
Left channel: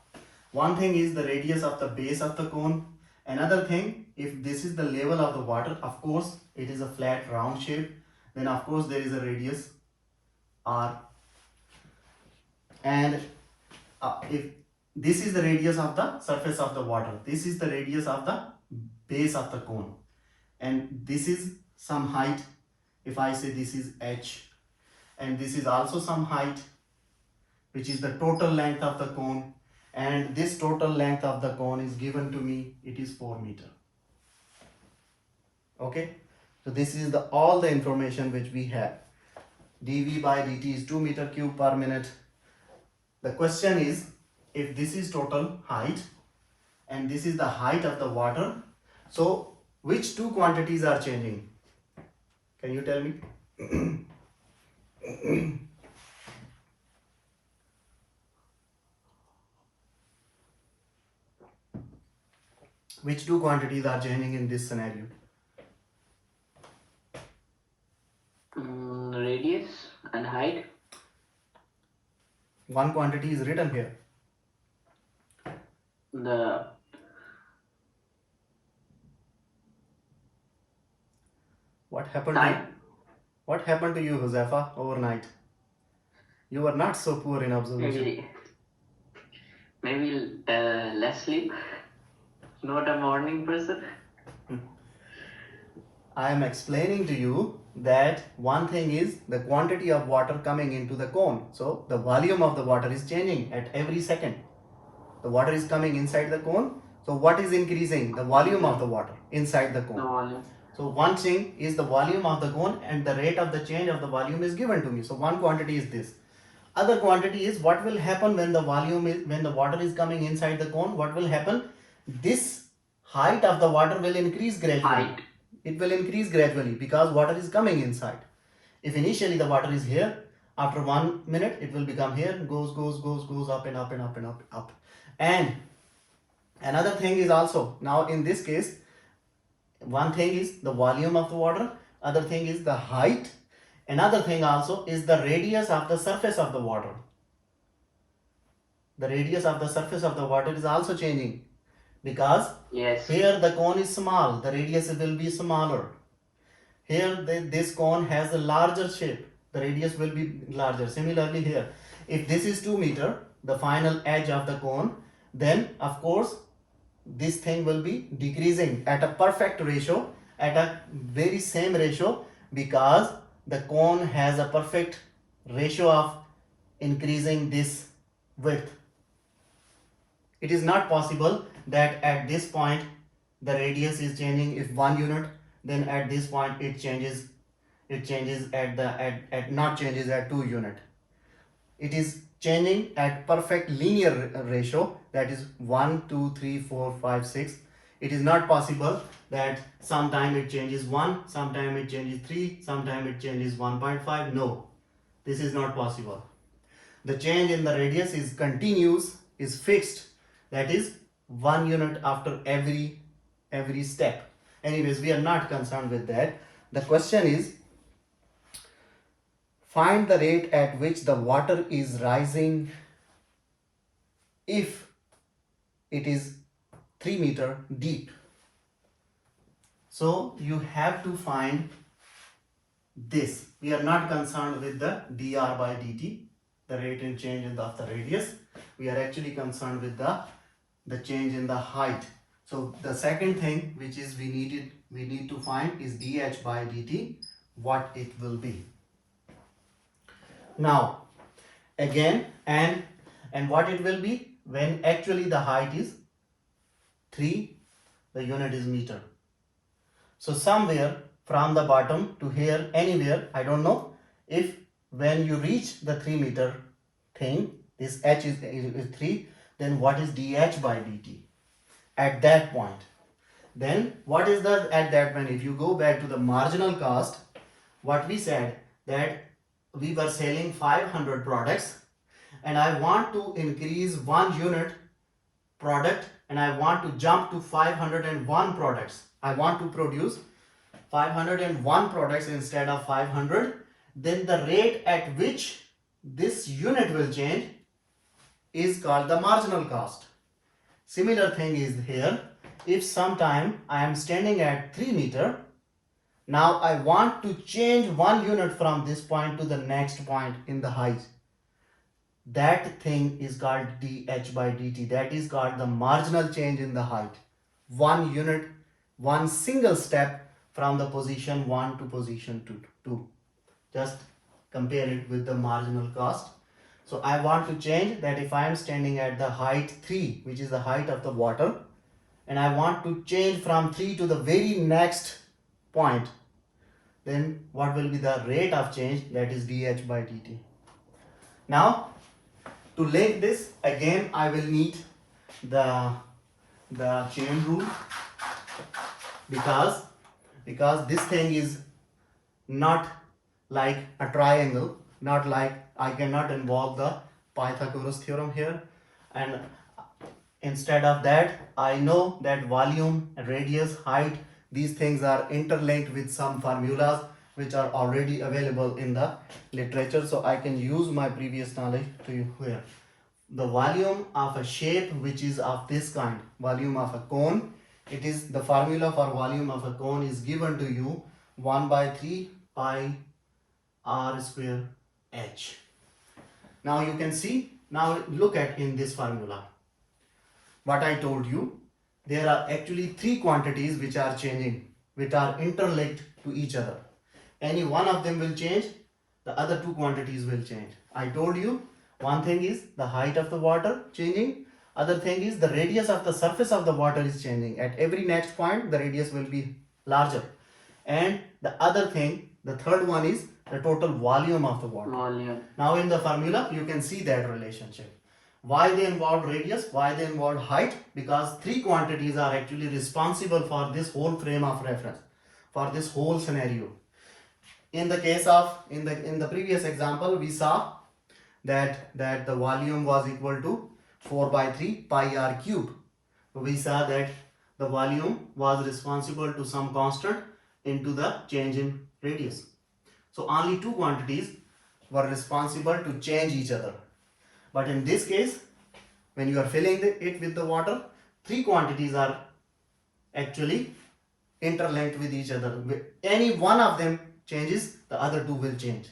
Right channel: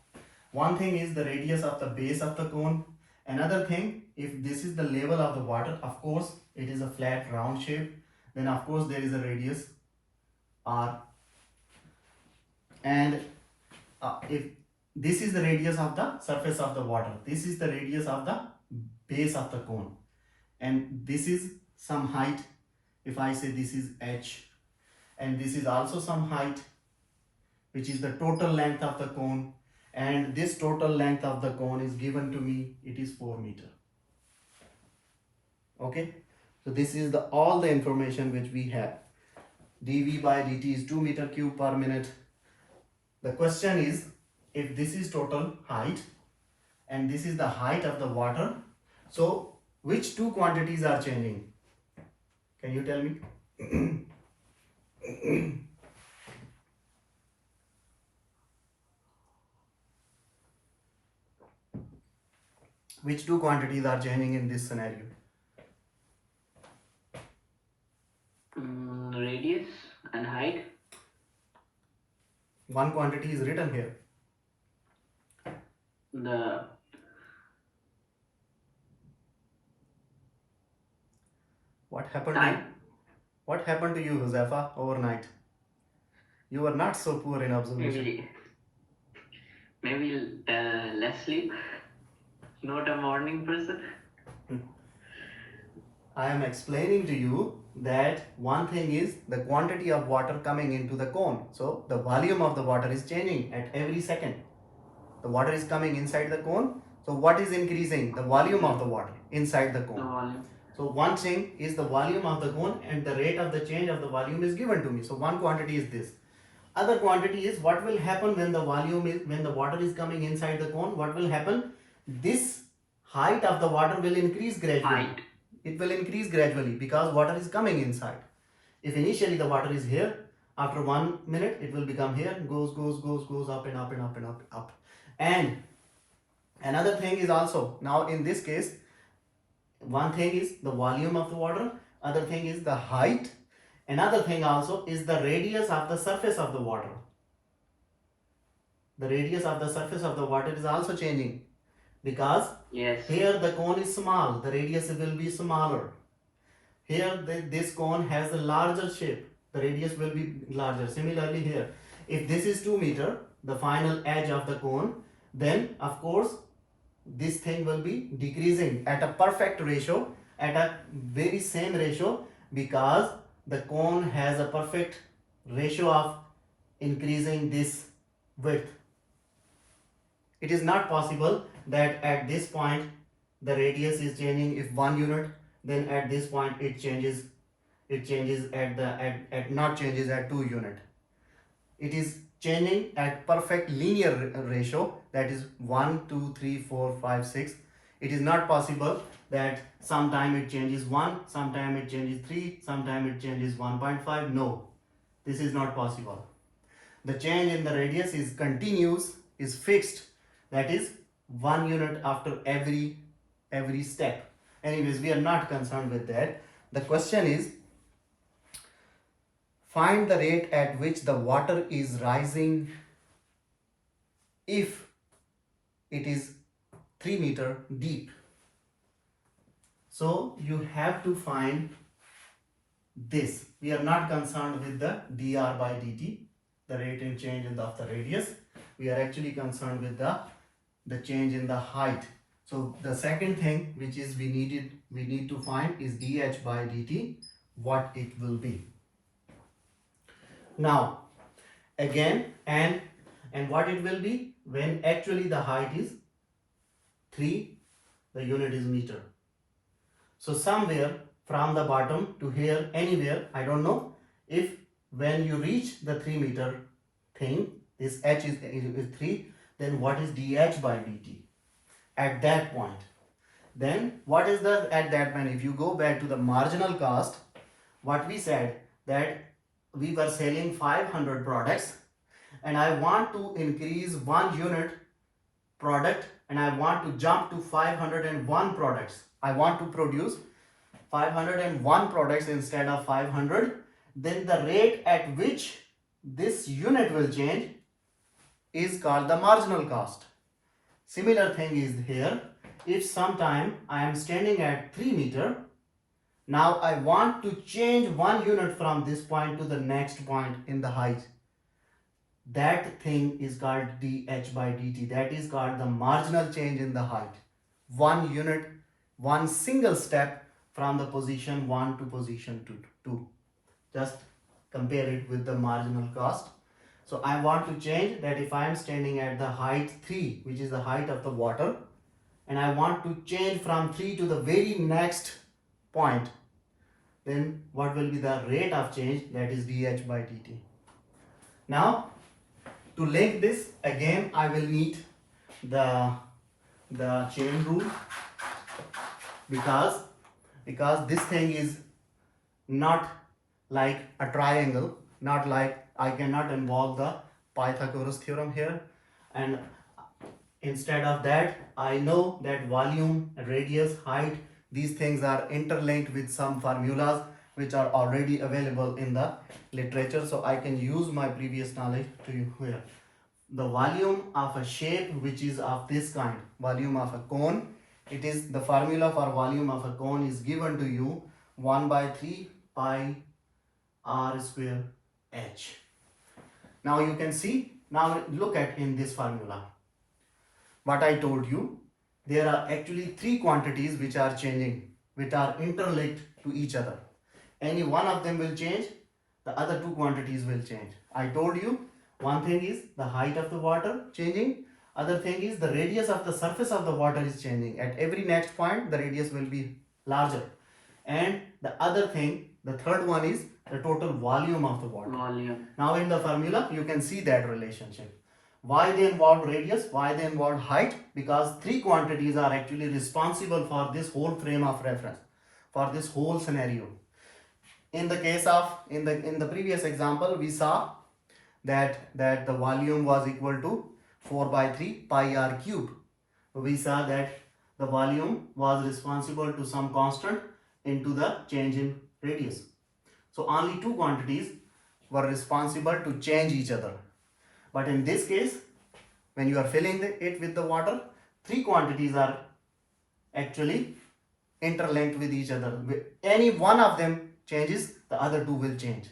one thing is the radius of the base of the cone. Another thing, if this is the level of the water, of course it is a flat round shape, then of course there is a radius r, and if this is the radius of the surface of the water, this is the radius of the base of the cone, and this is some height. If I say this is h, and this is also some height, which is the total length of the cone, and this total length of the cone is given to me, it is 4 meter. Okay, so this is the all the information which we have. dV by dt is 2 meter cube per minute. The question is, if this is total height and this is the height of the water, so which two quantities are changing? Can you tell me? Which two quantities are changing in this scenario? Radius and height. One quantity is written here. What happened Time. What happened to you, Josefa, overnight? You were not so poor in observation. Maybe less sleep. Not a morning person. I am explaining to you that one thing is the quantity of water coming into the cone. So the volume of the water is changing at every second. The water is coming inside the cone. So what is increasing? The volume of the water inside the cone. No volume. So one thing is the volume of the cone, and the rate of the change of the volume is given to me. So one quantity is this. Other quantity is what will happen when the when the water is coming inside the cone. What will happen? This height of the water will increase gradually. Height. It will increase gradually because water is coming inside. If initially the water is here, after 1 minute it will become here, goes up and up and up and up. And another thing is also, now in this case, one thing is the volume of the water, other thing is the height, another thing also is the radius of the surface of the water. The radius of the surface of the water is also changing, because here the cone is small, the radius will be smaller. Here this cone has a larger shape, the radius will be larger. Similarly here, if this is 2 meter, the final edge of the cone, then of course this thing will be decreasing at a perfect ratio, at a very same ratio, because the cone has a perfect ratio of increasing this width. It is not possible that at this point the radius is changing if 1 unit, then at this point it changes not changes at 2 unit. It is changing at perfect linear ratio, that is 1 2 3 4 5 6. It is not possible that sometime it changes 1, sometime it changes 3, sometime it changes 1.5. No, this is not possible. The change in the radius is continuous, is fixed, that is 1 unit after every step. Anyways, we are not concerned with that. The question is, find the rate at which the water is rising if it is 3 meter deep. So you have to find this. We are not concerned with the dr by dt, the rate and change of the radius. We are actually concerned with the change in the height. So the second thing which is we need to find is dh by dt, what it will be. Now again, and what it will be when actually the height is 3, the unit is meter. So somewhere from the bottom to here, anywhere, I don't know, if when you reach the 3 meter thing, this h is 3, then what is dh by dt at that point? Then what is the at that point? If you go back to the marginal cost, what we said, that we were selling 500 products and I want to increase 1 unit product and I want to jump to 501 products. I want to produce 501 products instead of 500. Then the rate at which this unit will change is called the marginal cost. Similar thing is here. if sometime I am standing at 3 meter, now I want to change 1 unit from this point to the next point in the height. That thing is called dH by dt. That is called the marginal change in the height. 1 unit, one single step from the position 1 to position 2. Just compare it with the marginal cost. So I want to change that. If I am standing at the height 3, which is the height of the water, and I want to change from 3 to the very next point, then what will be the rate of change? That is dH by dt. Now, to link this again, I will need the chain rule, because this thing is not like a triangle, not like I cannot involve the Pythagoras theorem here, and instead of that, I know that volume, radius, height, these things are interlinked with some formulas which are already available in the literature. So I can use my previous knowledge to you here. The volume of a shape which is of this kind, volume of a cone, it is the formula for volume of a cone is given to you 1 by 3 pi r square h. Now you can see, now look at in this formula. What I told you, there are actually 3 quantities which are changing, which are interlinked to each other. Any one of them will change, the other 2 quantities will change. I told you, one thing is the height of the water changing, other thing is the radius of the surface of the water is changing. At every next point, the radius will be larger. And the other thing, the third one is the total volume of the water. Volume. Now in the formula, you can see that relationship. Why they involve radius? Why they involve height? Because 3 quantities are actually responsible for this whole frame of reference, for this whole scenario. In the case of, in the previous example, we saw that the volume was equal to 4 by 3 pi r cube. We saw that the volume was responsible to some constant into the change in radius. So only 2 quantities were responsible to change each other. But in this case, when you are filling it with the water, 3 quantities are actually interlinked with each other. Any one of them changes, the other 2 will change.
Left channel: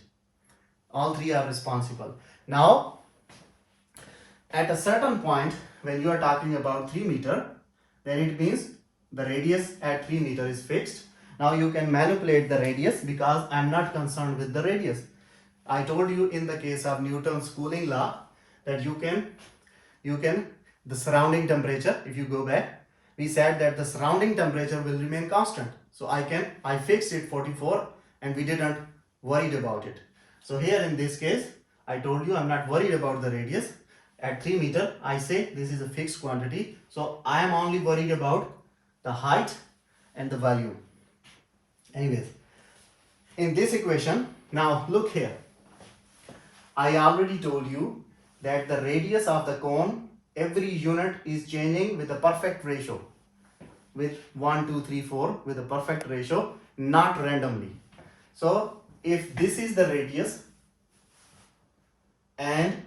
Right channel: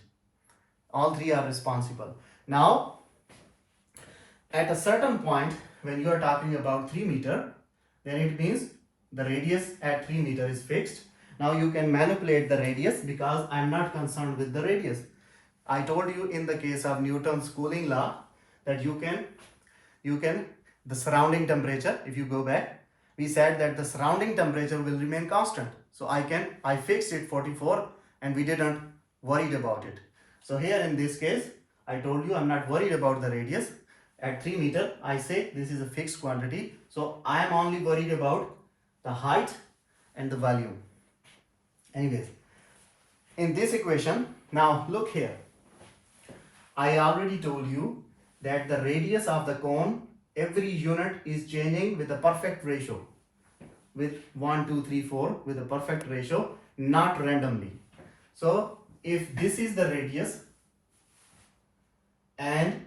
All 3 are responsible. Now, at a certain point, when you are talking about 3 meter, then it means the radius at 3 meter is fixed. Now you can manipulate the radius, because I am not concerned with the radius. I told you in the case of Newton's cooling law that you can the surrounding temperature, if you go back, we said that the surrounding temperature will remain constant. So I fixed it 44 and we didn't worried about it. So here in this case, I told you I'm not worried about the radius. At 3 meter, I say this is a fixed quantity. So I am only worried about the height and the volume. Anyways, in this equation, now look here. I already told you that the radius of the cone, every unit is changing with a perfect ratio. With 1, 2, 3, 4, with a perfect ratio, not randomly. So if this is the radius and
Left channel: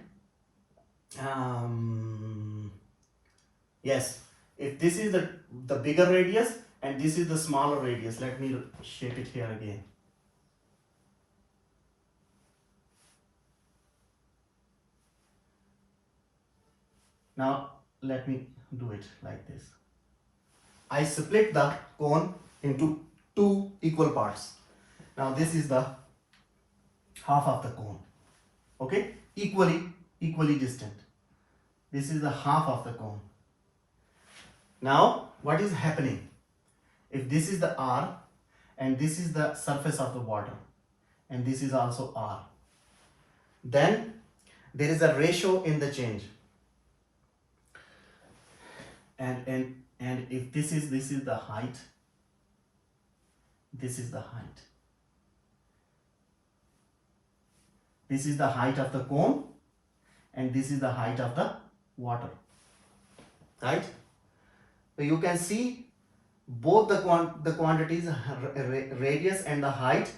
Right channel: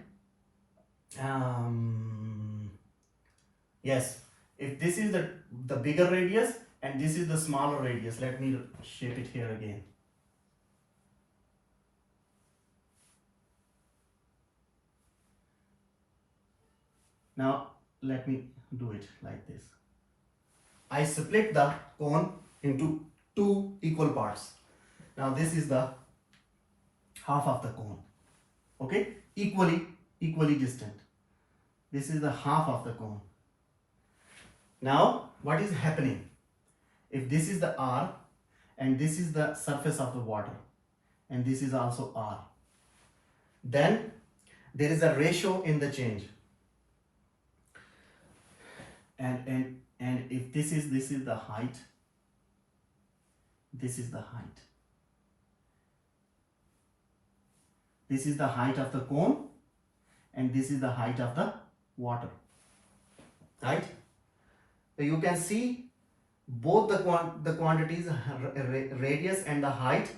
yes, if this is the bigger radius and this is the smaller radius, let me shape it here again. Now let me do it like this. I split the cone into 2 equal parts. Now this is the half of the cone. Okay, equally distant. This is the half of the cone. Now what is happening? If this is the R and this is the surface of the water and this is also R, then there is a ratio in the change. And if this is the height, this is the height. This is the height of the cone and this is the height of the water, right? So you can see both the quantities, radius and the height,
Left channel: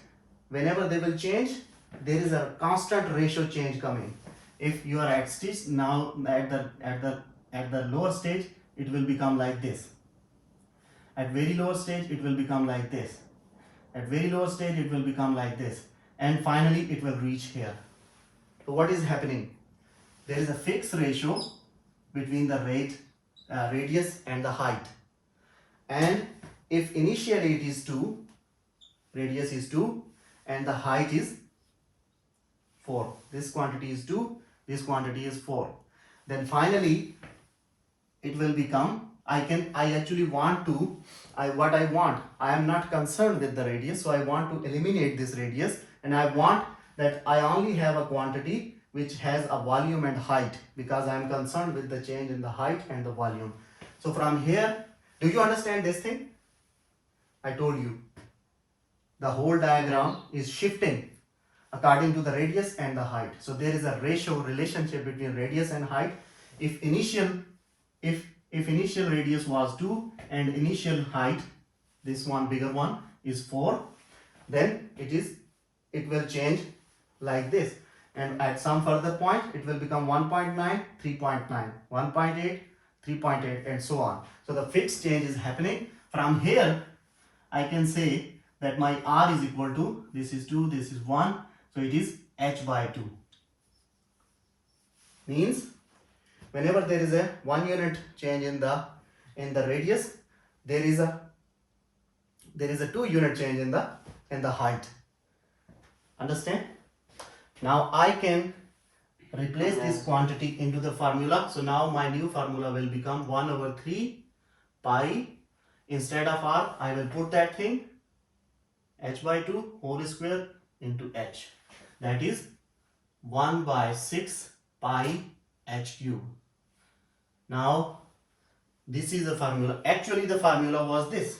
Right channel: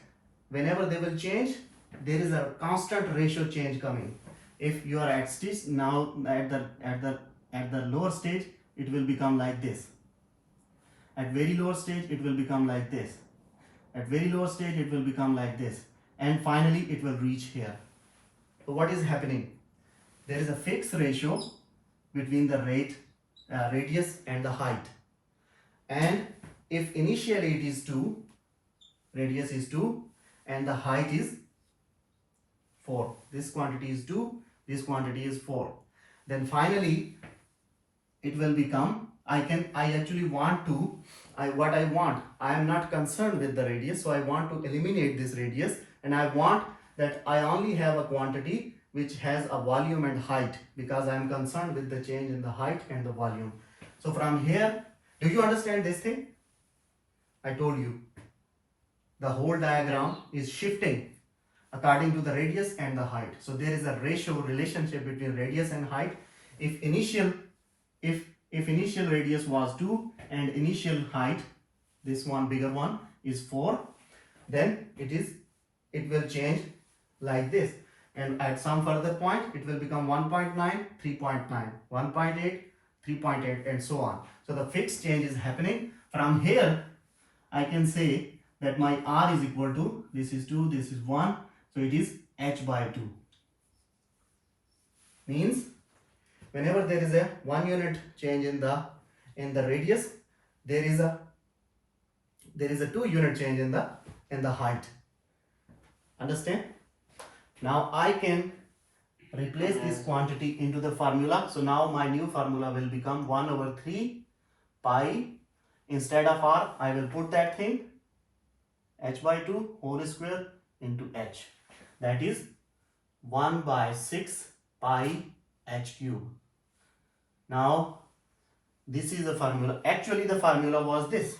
whenever they will change, there is a constant ratio change coming. If you are at stage, now at the lower stage, it will become like this. At very lower stage, it will become like this. At very lower stage, it will become like this. And finally, it will reach here. So what is happening? There is a fixed ratio between the radius and the height. And if initially it is 2, radius is 2, and the height is 4. This quantity is 2, this quantity is 4. Then finally, it will become, I am not concerned with the radius, so I want to eliminate this radius, and I want that I only have a quantity which has a volume and height, because I am concerned with the change in the height and the volume. So from here, do you understand this thing? I told you, the whole diagram is shifting according to the radius and the height. So there is a relationship between radius and height. If initial radius was 2 and initial height, this one bigger one, is 4, then it will change like this, and at some further point it will become 1.9, 3.9, 1.8, 3.8, and so on. So the fixed change is happening. From here I can say that my R is equal to, this is 2, this is 1, so it is h by 2. Means whenever there is a 1 unit change in the radius, there is a 2 unit change in the height. Understand? Now I can replace this quantity into the formula. So now my new formula will become 1 over 3 pi. Instead of R, I will put that thing, h by 2 whole square into h. That is 1 by 6 pi h cube. Now this is the formula. Actually the formula was this,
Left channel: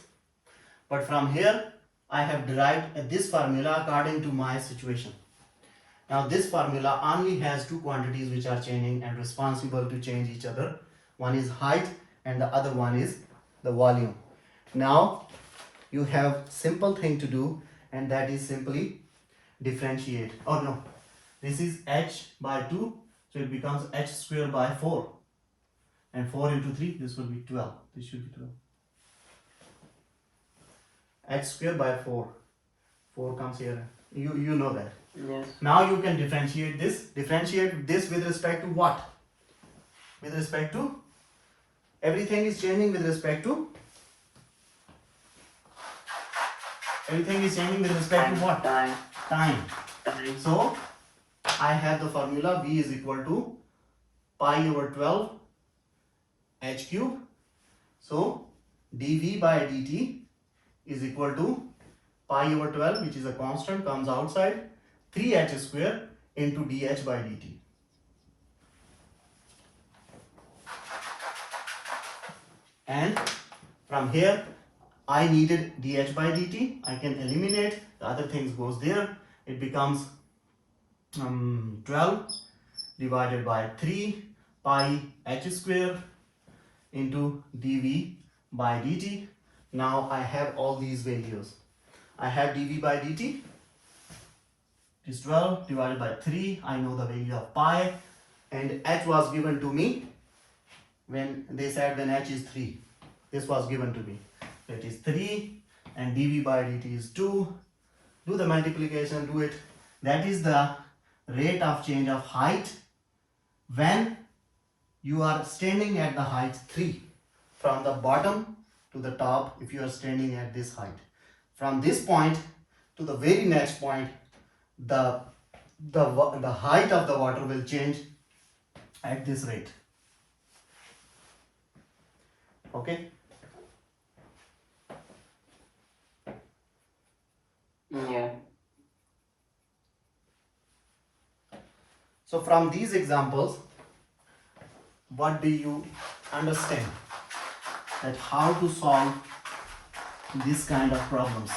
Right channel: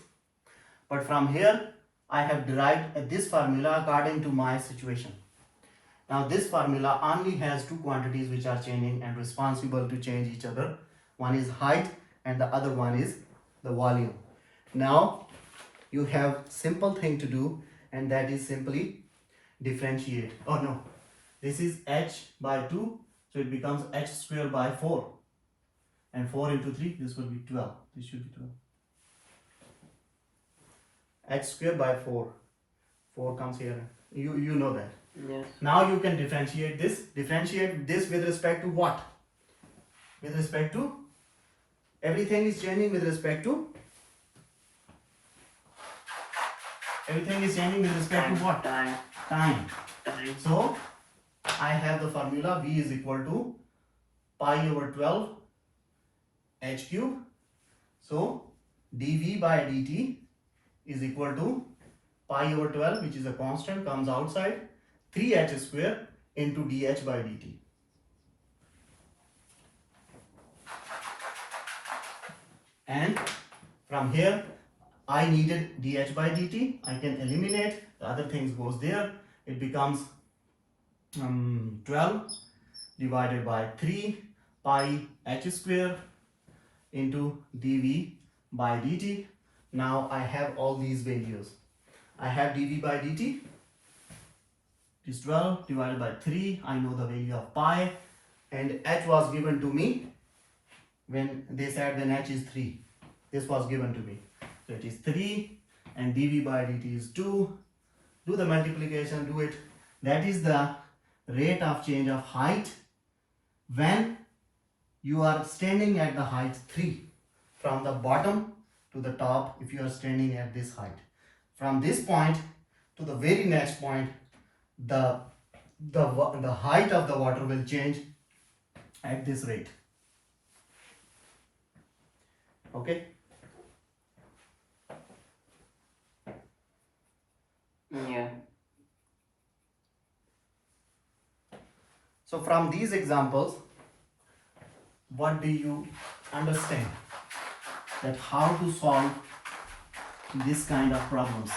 but from here I have derived this formula according to my situation. Now this formula only has 2 quantities which are changing and responsible to change each other. One is height and the other one is the volume. Now you have simple thing to do, and that is simply differentiate. Oh no, this is h by 2, so it becomes h square by 4, and 4 into 3, this will be 12. This should be 12. H square by 4. 4 comes here. You know that. Yes. Now you can differentiate this. Differentiate this with respect to what? With respect to? Everything is changing with respect to? Everything is changing with respect to what? Time. Time. So I have the formula V is equal to pi over 12 h cube. So dV by dt is equal to pi over 12, which is a constant, comes outside, 3h square into dH by dt. And from here I needed dH by dt. I can eliminate, the other things goes there. It becomes 12 divided by 3 pi h square into dV by dt. Now I have all these values. I have dV by dt is 12 divided by 3. I know the value of pi, and h was given to me when they said when h is 3. This was given to me. So it is 3 and dV by dt is 2. Do the multiplication, do it. That is the rate of change of height when you are standing at the height 3. From the bottom to the top, if you are standing at this height. From this point to the very next point, the height of the water will change at this rate. Okay? Yeah. So from these examples, what do you understand? That how to solve this kind of problems?